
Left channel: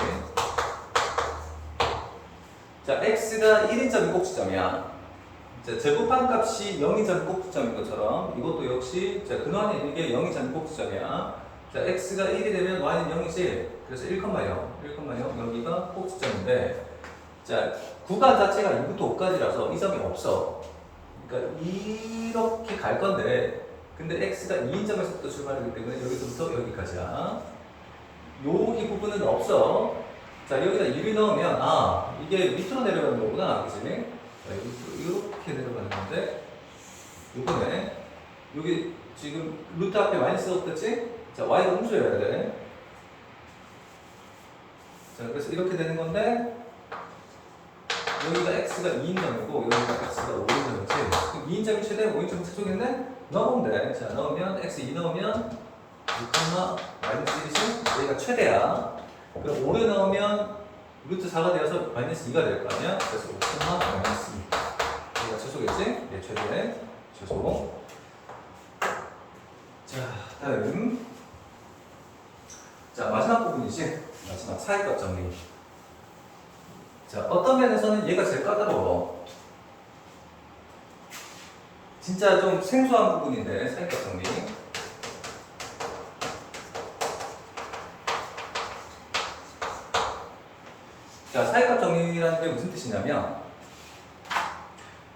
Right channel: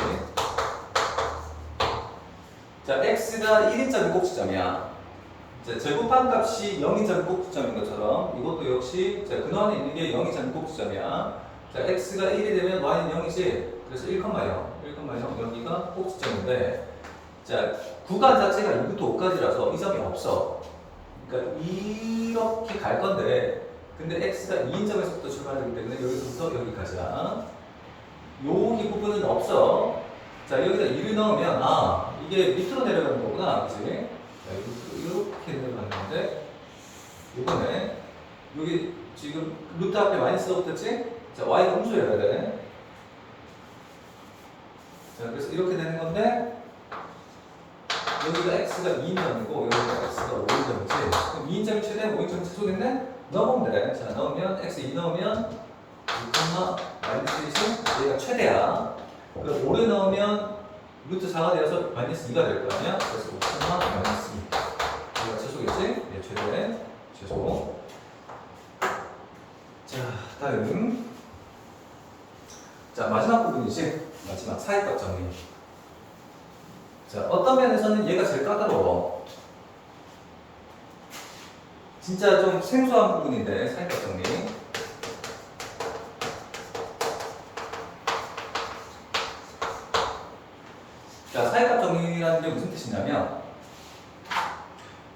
자, x가 1인 점이 꼭지점이야. 자, 제곱한 값이 0인 점이 꼭지점인 것처럼 이것도 역시 자, 근원에 있는 게 0인 점이 꼭지점이야. 자, x가 1이 되면 y는 0이지. 그래서 1,0 여기가 꼭지점인데 자, 구간 자체가 2부터 5까지라서 이 점이 없어. 그러니까 이렇게 갈 건데 근데 x가 2인 점에서부터 출발하기 때문에 여기서부터 여기까지야. 여기 부분은 없어. 자, 여기다 1을 넣으면 이게 밑으로 내려가는 거구나. 그치? 자, 이렇게 내려가는 건데 이거네. 여기 지금 루트 앞에 마이너스가 붙었지? 자, y가 음수여야 돼. 자, 그래서 이렇게 되는 건데 여기가 x가 2인점이고 여기가 x가 5인점이지. 그럼 2인점이 최대, 5인점이 최소겠네? 넣어보면 돼. 자, 넣으면 x 2 넣으면 6, 마이너스 1이 얘가 최대야. 그럼 5를 넣으면 루트 4가 되어서 마이너스 2가 될 거 아니야? 그래서 5, 마이너스 2. 얘가 최소겠지? 얘 최대, 최소. 자, 다음. 자, 마지막 부분이지. 마지막 사이값 정리. 자, 어떤 면에서는 얘가 제일 까다로워. 진짜 좀 생소한 부분인데, 사이값 정리. 자, 사이값 정리라는 게 무슨 뜻이냐면,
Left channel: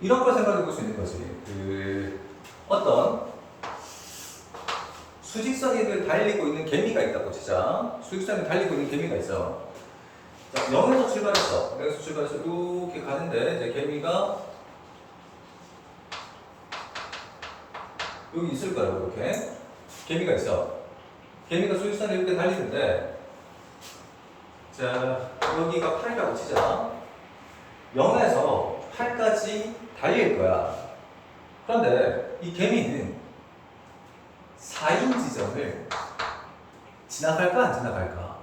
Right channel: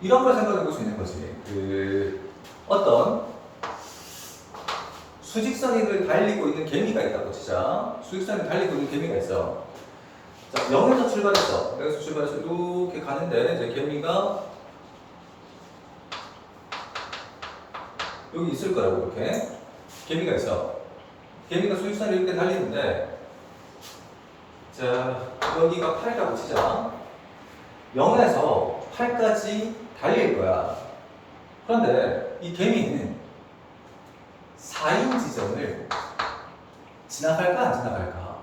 이런 걸 생각해 볼 수 있는 거지. 어떤 수직선을 달리고 있는 개미가 있다고 치자. 수직선을 달리고 있는 개미가 있어. 자, 0에서 출발했어. 0에서 출발해서 이렇게 가는데, 이제 개미가 여기 있을 거라고, 이렇게. 개미가 있어. 개미가 수직선을 이렇게 달리는데, 자, 여기가 8이라고 치자. 0에서 8까지 달릴 거야. 그런데 이 개미는 4인 지점을 지나갈까, 안 지나갈까?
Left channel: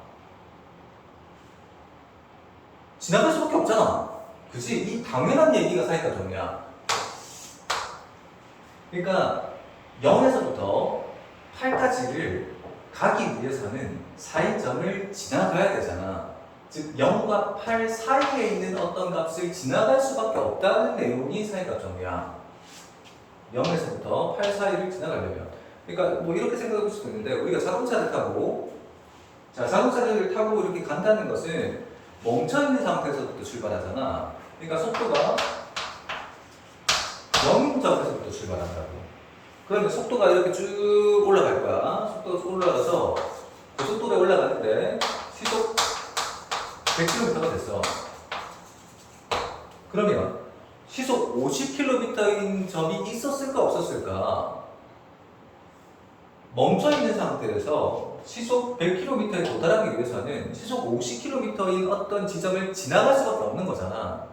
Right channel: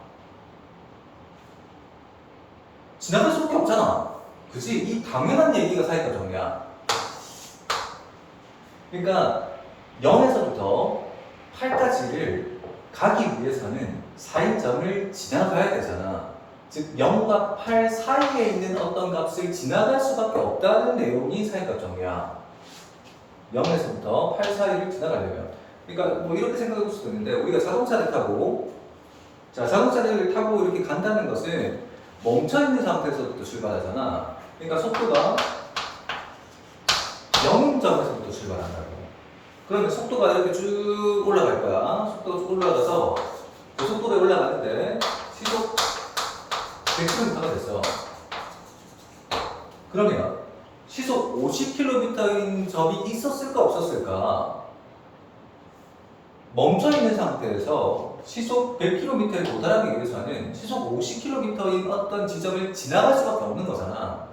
지나갈 수밖에 없잖아. 그치? 이 당연한 얘기가 사이값 정리야. 그러니까 0에서부터 8까지를 가기 위해서는 4인점을 지나가야 되잖아. 즉 0과 8 사이에 있는 어떤 값을 지나갈 수밖에 없다는 내용이 사이값 정리야. 0에서부터 8 사이를 지나가려면. 그러니까 뭐 이렇게 생각해 볼 수도 있는데, 우리가 자동차를 타고, 자, 자동차를 타고 이렇게 간다는 것은 멈춰있는 상태에서부터 출발하잖아. 그러니까 속도가 0점에서부터 출발한다고. 그러면 속도가 이렇게 쭉 올라갈 거야. 속도가 쭉 올라가서 그 속도에 올라가는데 시속 100km가 됐어. 그러면 시속 50km인 점이 있었을까 없었을까? 멈춰있는 상태에서 시속 100km에 도달하기 위해서는 시속 50km인 어떤 지점을 지나갈 수밖에 없는 거잖아.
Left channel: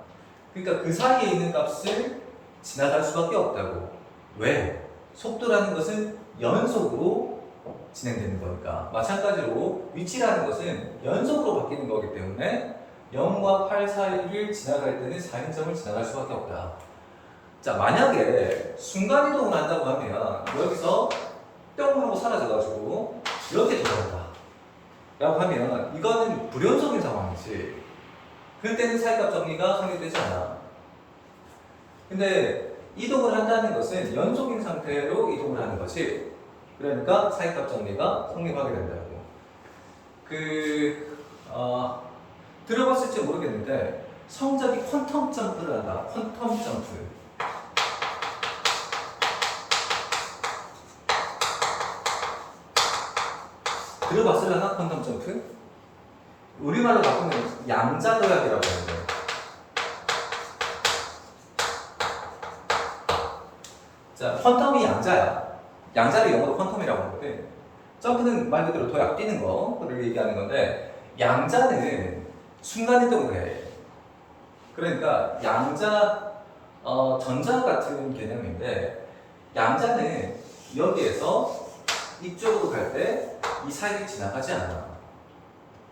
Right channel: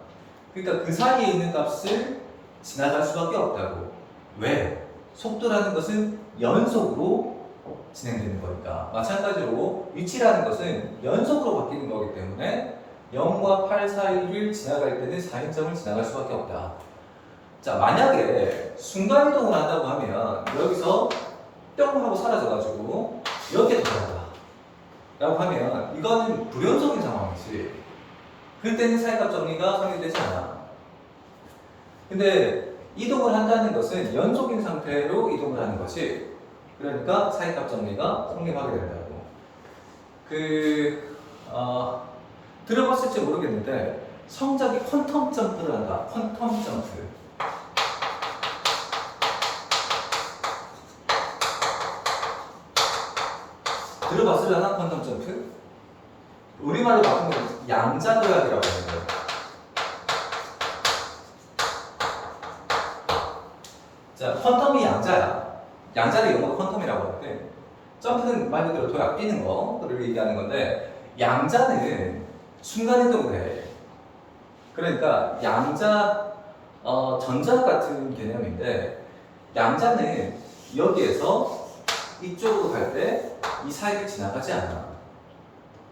그러니까 그 사이에 있는 값을 지나갈 수밖에 없다고. 왜? 속도라는 것은 연속으로 진행되는 거니까. 마찬가지로 위치라는 것은 연속으로 바뀌는 거기 때문에 0과 8 사이를 지나갈 때는 4인점을 지나갈 수밖에 없다. 자, 만약에 순간이동을 한다고 하면 여기서 뿅 하고 사라져가지고 여기에 들어간다 라고 하면 이거는 불연속인 상황이지. 그때는 사이값 정리가 성립되지 않아. 근데 이동을 한다는 것은 연속인 상태로 이동을 하는 거지. 그러니까 사이값 정리가 성립하게 된다고. 들어봤을지 모르겠는데 성적이 퀀텀 점프를 한다. 퀀텀 점프. 들어봤으려나? 퀀텀 점프? 우리말로 바꾸면 양자도약이라고 하는데. 자, 퀀텀이 양자야. 양자를 영어로 퀀텀이라고 하는데, 점프는 말 그대로 도약 뛰는 거를 얘기하는 건데, 양자는 순간이동을 해. 그러니까 양자, 전자 같은 개념인데, 양자는 여기에서 이쪽으로 갈 때 이 사이를 지나가지 않아.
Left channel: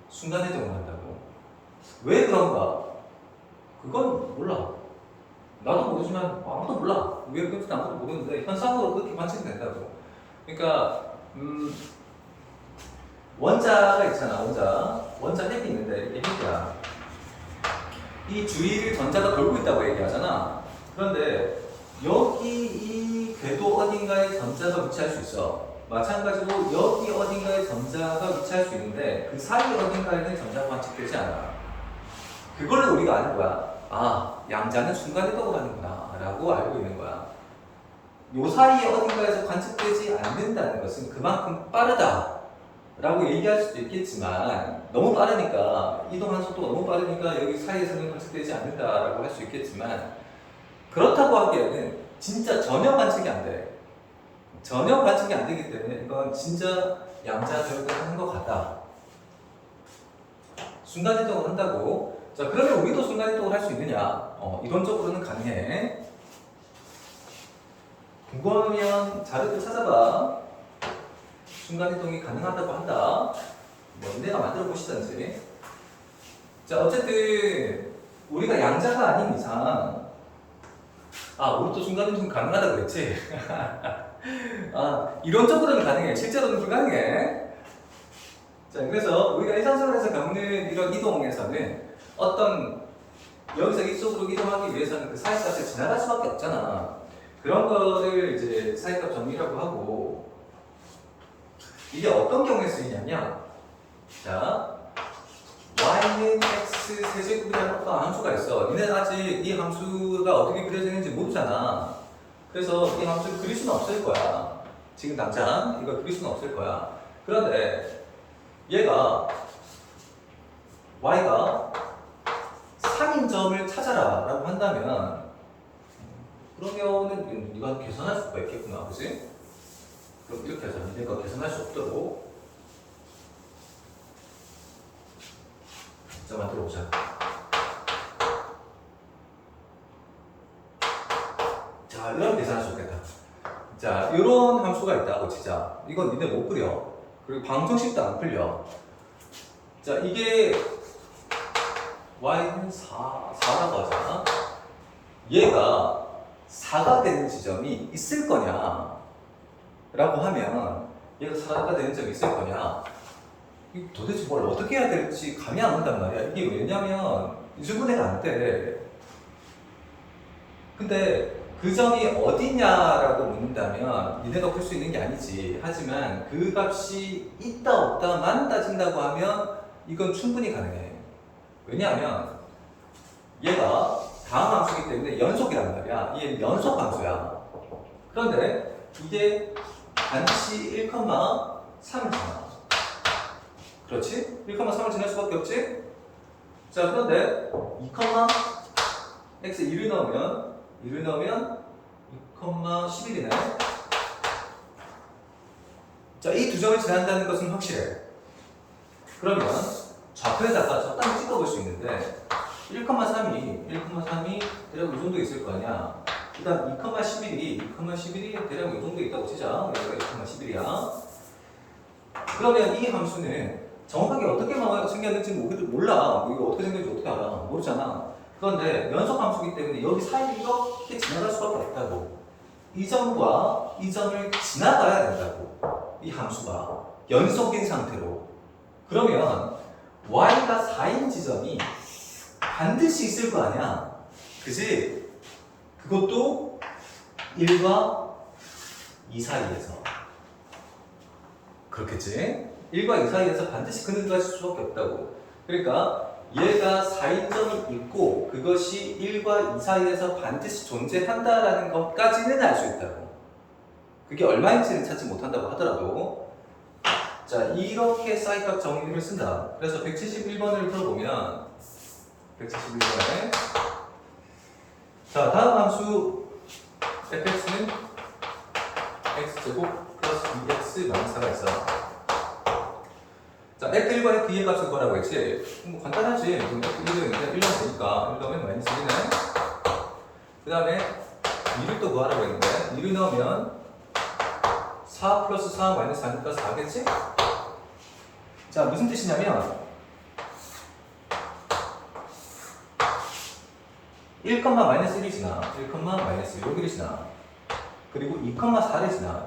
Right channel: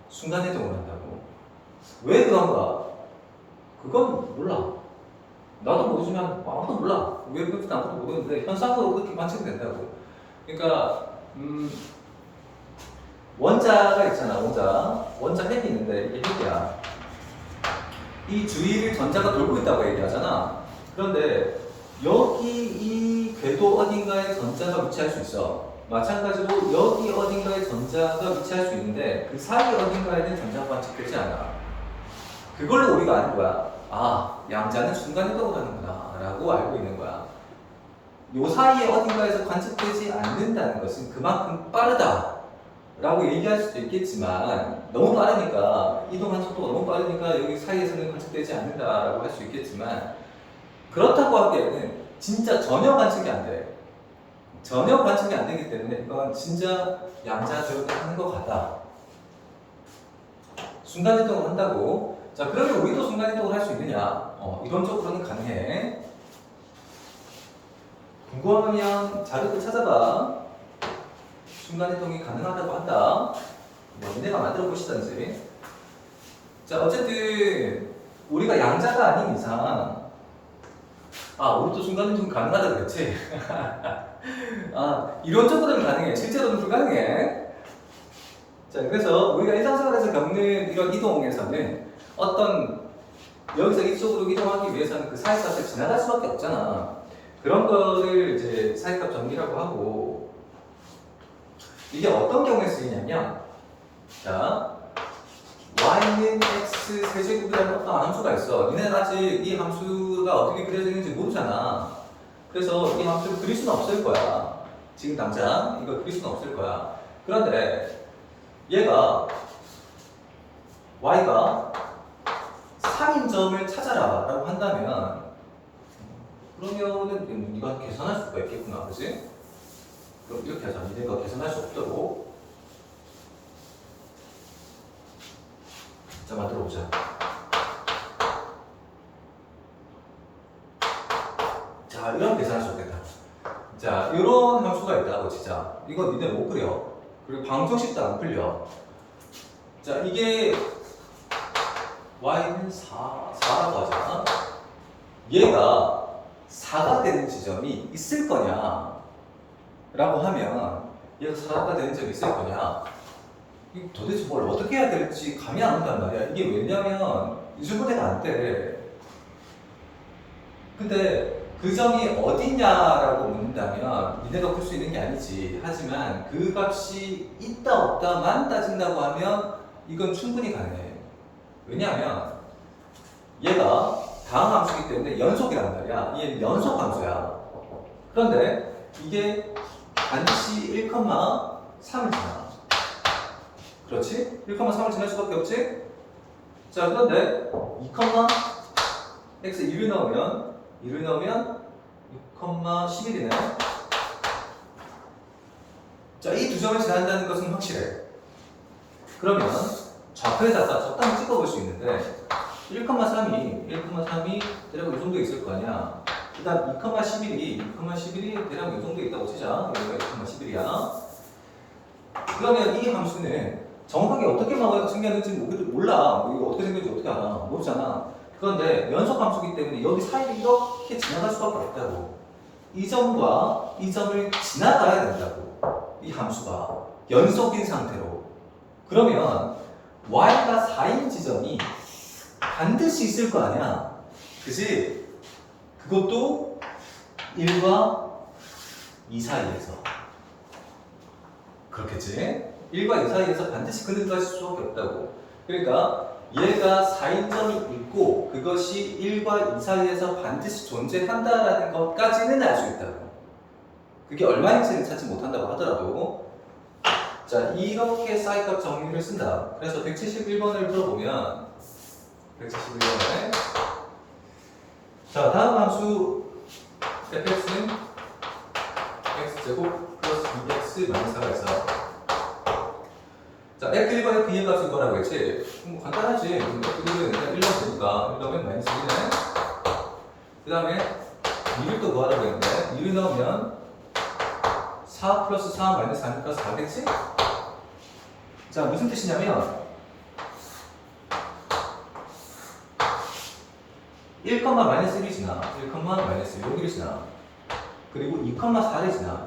순간이동을 한다고. 왜 그런가? 그건 몰라. 나도 모르지만 아무도 몰라. 왜 그런지 아무도 모르는데 현상으로 그렇게 관측된다고. 그러니까 원자가 있잖아. 원자 핵이 있는데 이게 핵이야. 이 주위를 전자가 돌고 있다고 얘기하잖아. 그런데 여기 이 궤도 어딘가에 전자가 위치할 수 있어. 마찬가지로 여기 어딘가에 전자가 위치할 수 있는데 그 사이 어딘가에는 전자가 관측되지 않아. 그걸로 우리가 아는 거야. 아, 양자는 순간이동을 하는구나 라고 알고 있는 거야. 요 사이에 어딘가에서 관측되지 않는다는 것은 그만큼 빠르다 라고 얘기할 수도 있겠지만, 너무 빠르니까, 이동하는 속도가 너무 빠르니까 여기 사이에서는 관측되지 않는다 라고 할 수 있겠지만, 그렇다고 하기에는 진짜 전혀 관측이 안 돼. 전혀 관측이 안 되기 때문에 이건 진짜 양자적으로 하는 것 같다. 순간이동을 한다고. 자, 그러면 우리도 순간이동을 할 수 있느냐? 가능하겠냐? 이론적으로는 가능해. 궁금하면 자료를 찾아봐. 순간이동이 가능하다고 한다. 뭐 니네가 만들어 보시던지. 자, 어쨌든 우리가 양자가 아닌 이상, 우리 또 순간이동 가능하다고 그랬지? 이론적으로는 가능해. 실제로는 불가능해. 자, 그래서 우리가 일상생활에서 겪는 이런 이동에서는 어떤 여기서 이쪽으로 이동하기 위해서는 그 사이값을 지나갈 수밖에 없잖아. 그런 거를 이제 사이값 정리라고 하고, 이게 어떤 경우에 쓰이냐면, 자, y는 x 세제곱이라는 어떤 함수가 있어. 니네는 아직 이 함수가 어떻게 그려지는지 모르잖아. 그래서 이 함수를 그릴 수는 없을 거야. 지금 당장 이거 그릴 수는 없을 거야. 그런데 얘가 y가 3인 점을 찾아라 라고 한다면, 그러면은 네가 계산할 수가 있겠구나, 그치? 그럼 이렇게 하자. 니네가 계산할 수 없도록 자, 만들어 보자. 자, 이런 계산할 수 없겠다. 자, 이런 함수가 있다고 치자. 이건 니네 못 그려. 그리고 방정식도 안 풀려. 자, 이게 y는 4라고 하잖아. 얘가 4가 되는 지점이 있을 거냐 라고 하면, 얘가 4가 되는 점이 있을 거냐, 이거 도대체 뭘 어떻게 해야 될지 감이 안 온단 말이야. 이게 왜냐면 유주분해가 안 돼. 근데 그 점이 어디냐라고 묻는다면 니네가 풀 수 있는 게 아니지. 하지만 그 값이 있다 없다만 따진다고 하면 이건 충분히 가능해. 왜냐하면 얘가 다음 함수이기 때문에 연속이란 말이야. 얘 연속 함수야. 그런데 이게 반드시 1,3이잖아. 그렇지? 1,3을 지날 수밖에 없지? 자, 그런데 2,x 1을 넣으면 2,11이네. 자, 이 두 점을 지난다는 것은 확실해. 그러면 좌표에다가 적당히 찍어볼 수 있는데 1,3이 대략 이 정도 있을 거 아니야. 그 다음 2,11이 대략 이 정도 있다고 치자. 여기가 2,11이야. 그러면 이 함수는 정확하게 어떻게 생겼는지 몰라. 이거 어떻게 생겼는지 어떻게 알아? 모르잖아. 그런데 연속 함수이기 때문에 여기 사이를 이렇게 지나갈 수밖에 없다고. 이 점과 이 점을 지나가야 된다고. 이 함수가 연속인 상태로. 그러면 y가 4인 지점이 반드시 있을 거 아니야. 그지? 그것도 1과 2 사이에서. 그렇겠지? 1과 2 사이에서 반드시 그늘갈 수밖에 없다고. 그러니까 얘가 4인점이 있고 그것이 1과 2 사이에서 반드시 존재한다라는 것까지는 알 수 있다고. 그게 얼마인지는 찾지 못한다고 하더라도, 자, 이렇게 사이값 정리를 쓴다. 그래서 171번을 풀어보면 171번에 자, 다음 함수 fx는 x제곱 플러스 2x 마이너스 4가 있어. 자, f1번의 b의 값은 뭐라고 했지? 뭐 간단하지. f1은 1번 되니까 1 넣으면 마이너스 1이네. 그 다음에 2를 또 구하라고 했는데 2를 넣으면 4 플러스 4 마이너스 4니까 4겠지? 자, 무슨 뜻이냐면 1, 마이너스 1이 지나, 1, 마이너스 1, 여기를 지나, 그리고 2,4를 지나,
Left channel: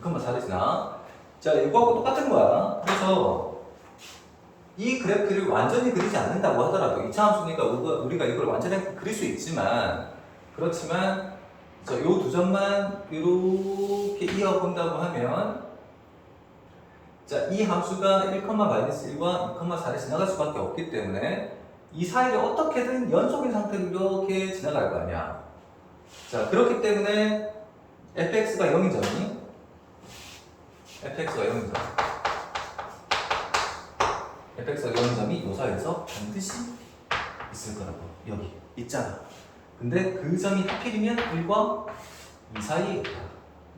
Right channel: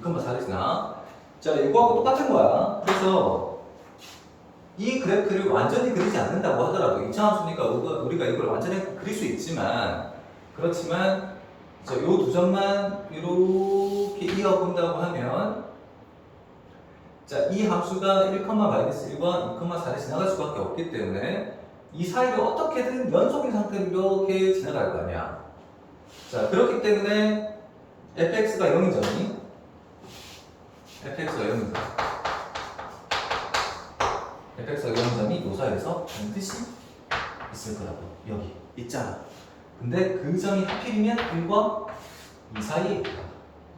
2,4를 지나. 자, 이거하고 똑같은 거야. 그래서 이 그래프를 완전히 그리지 않는다고 하더라도 2차 함수니까 우리가 이걸 완전히 그릴 수 있지만, 그렇지만 이 두 점만 이렇게 이어본다고 하면, 자, 이 함수가 1, 마이너스 1과 2,4를 지나갈 수밖에 없기 때문에 이 사이를 어떻게든 연속인 상태로 이렇게 지나갈 거 아니야. 자, 그렇기 때문에 fx가 0인 점이 이 사이에서 반드시 있을 거라고. 여기 있잖아. 근데 그 점이 하필이면 1과 2 사이에 있다.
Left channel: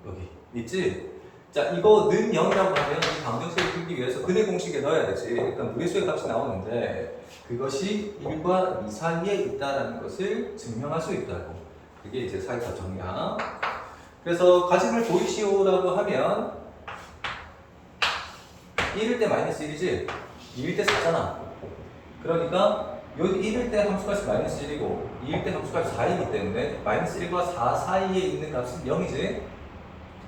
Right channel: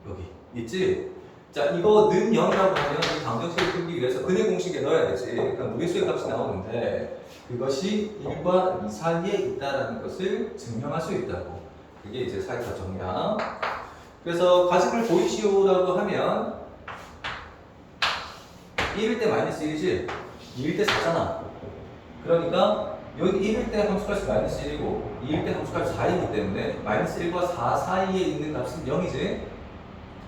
여기 있지? 자, 이거 는 0이라고 하면 이 방정식을 풀기 위해서 근의 공식에 넣어야 되지. 일단 무리수의 값이 나오는데 그것이 1과 2 사이에 있다는 것을 증명할 수 있다고. 그게 이제 사회과 정량. 그래서 가정을 보이시오라고 하면 1일 때 마이너스 1이지 2일 때 4잖아. 그러니까 여기 1일 때 함수값이 마이너스 1이고 2일 때 함수값이 4이기 때문에 마이너스 1과 4 사이에 있는 값은 0이지.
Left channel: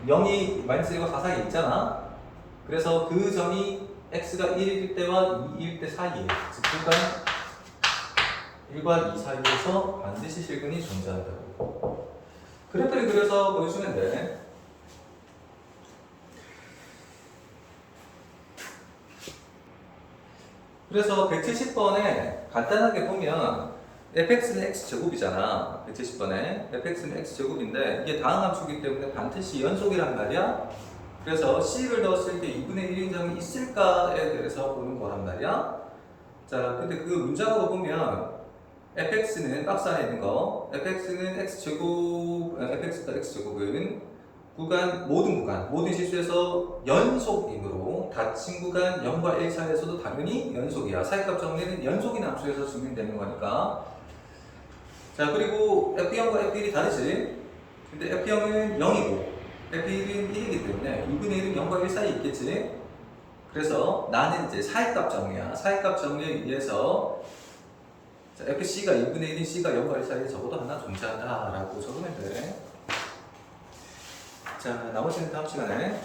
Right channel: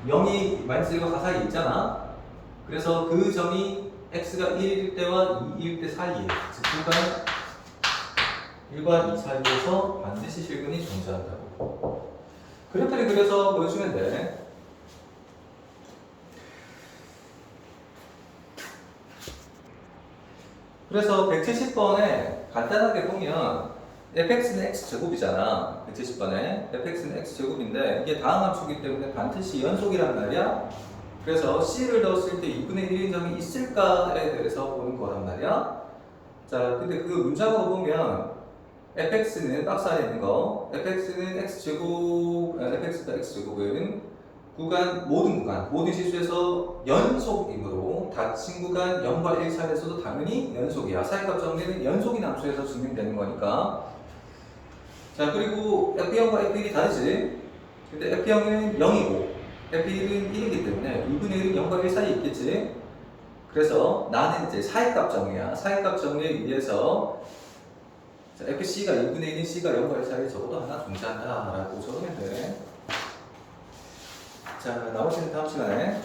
0이 마이너스 1과 4 사이에 있잖아. 그래서 그 점이 x가 1일 때와 2일 때 사이에, 즉 구간 1과 2 사이에서 반드시 실근이 존재한다고. 그래프를 그려서 보여주면 돼. 그래서 170번에 간단하게 보면 fx는 x제곱이잖아. 170번에 fx는 x제곱인데 이게 다항 함수이기 때문에 반드시 연속이란 말이야. 그래서 c를 넣었을 때 2분의 1인정이 있을까에 대해서 보는 거란 말이야. 자, 근데 그 문장으로 보면 fx는 박스 안에 있는 거 fx는 x제곱, fx다 x제곱은 구간, 모든 실수에서 연속이므로 닫힌 구간 0과 1 사이에서도 당연히 연속이야. 사이값 정리는 연속인 함수에서 증명되는 거니까. 자, 그리고 f0과 f1이 다르지. 근데 f0은 0이고 f1은 1이기 때문에 2분의 1은 0과 1 사이에 있겠지. 그래서 나는 이제 사이값 정리야. 사이값 정리에 의해서 fc가 2분의 1인 c가 0과 1 사이에 적어도 하나 존재한다 라고 적으면 돼. 자, 나머지는 다음 시간에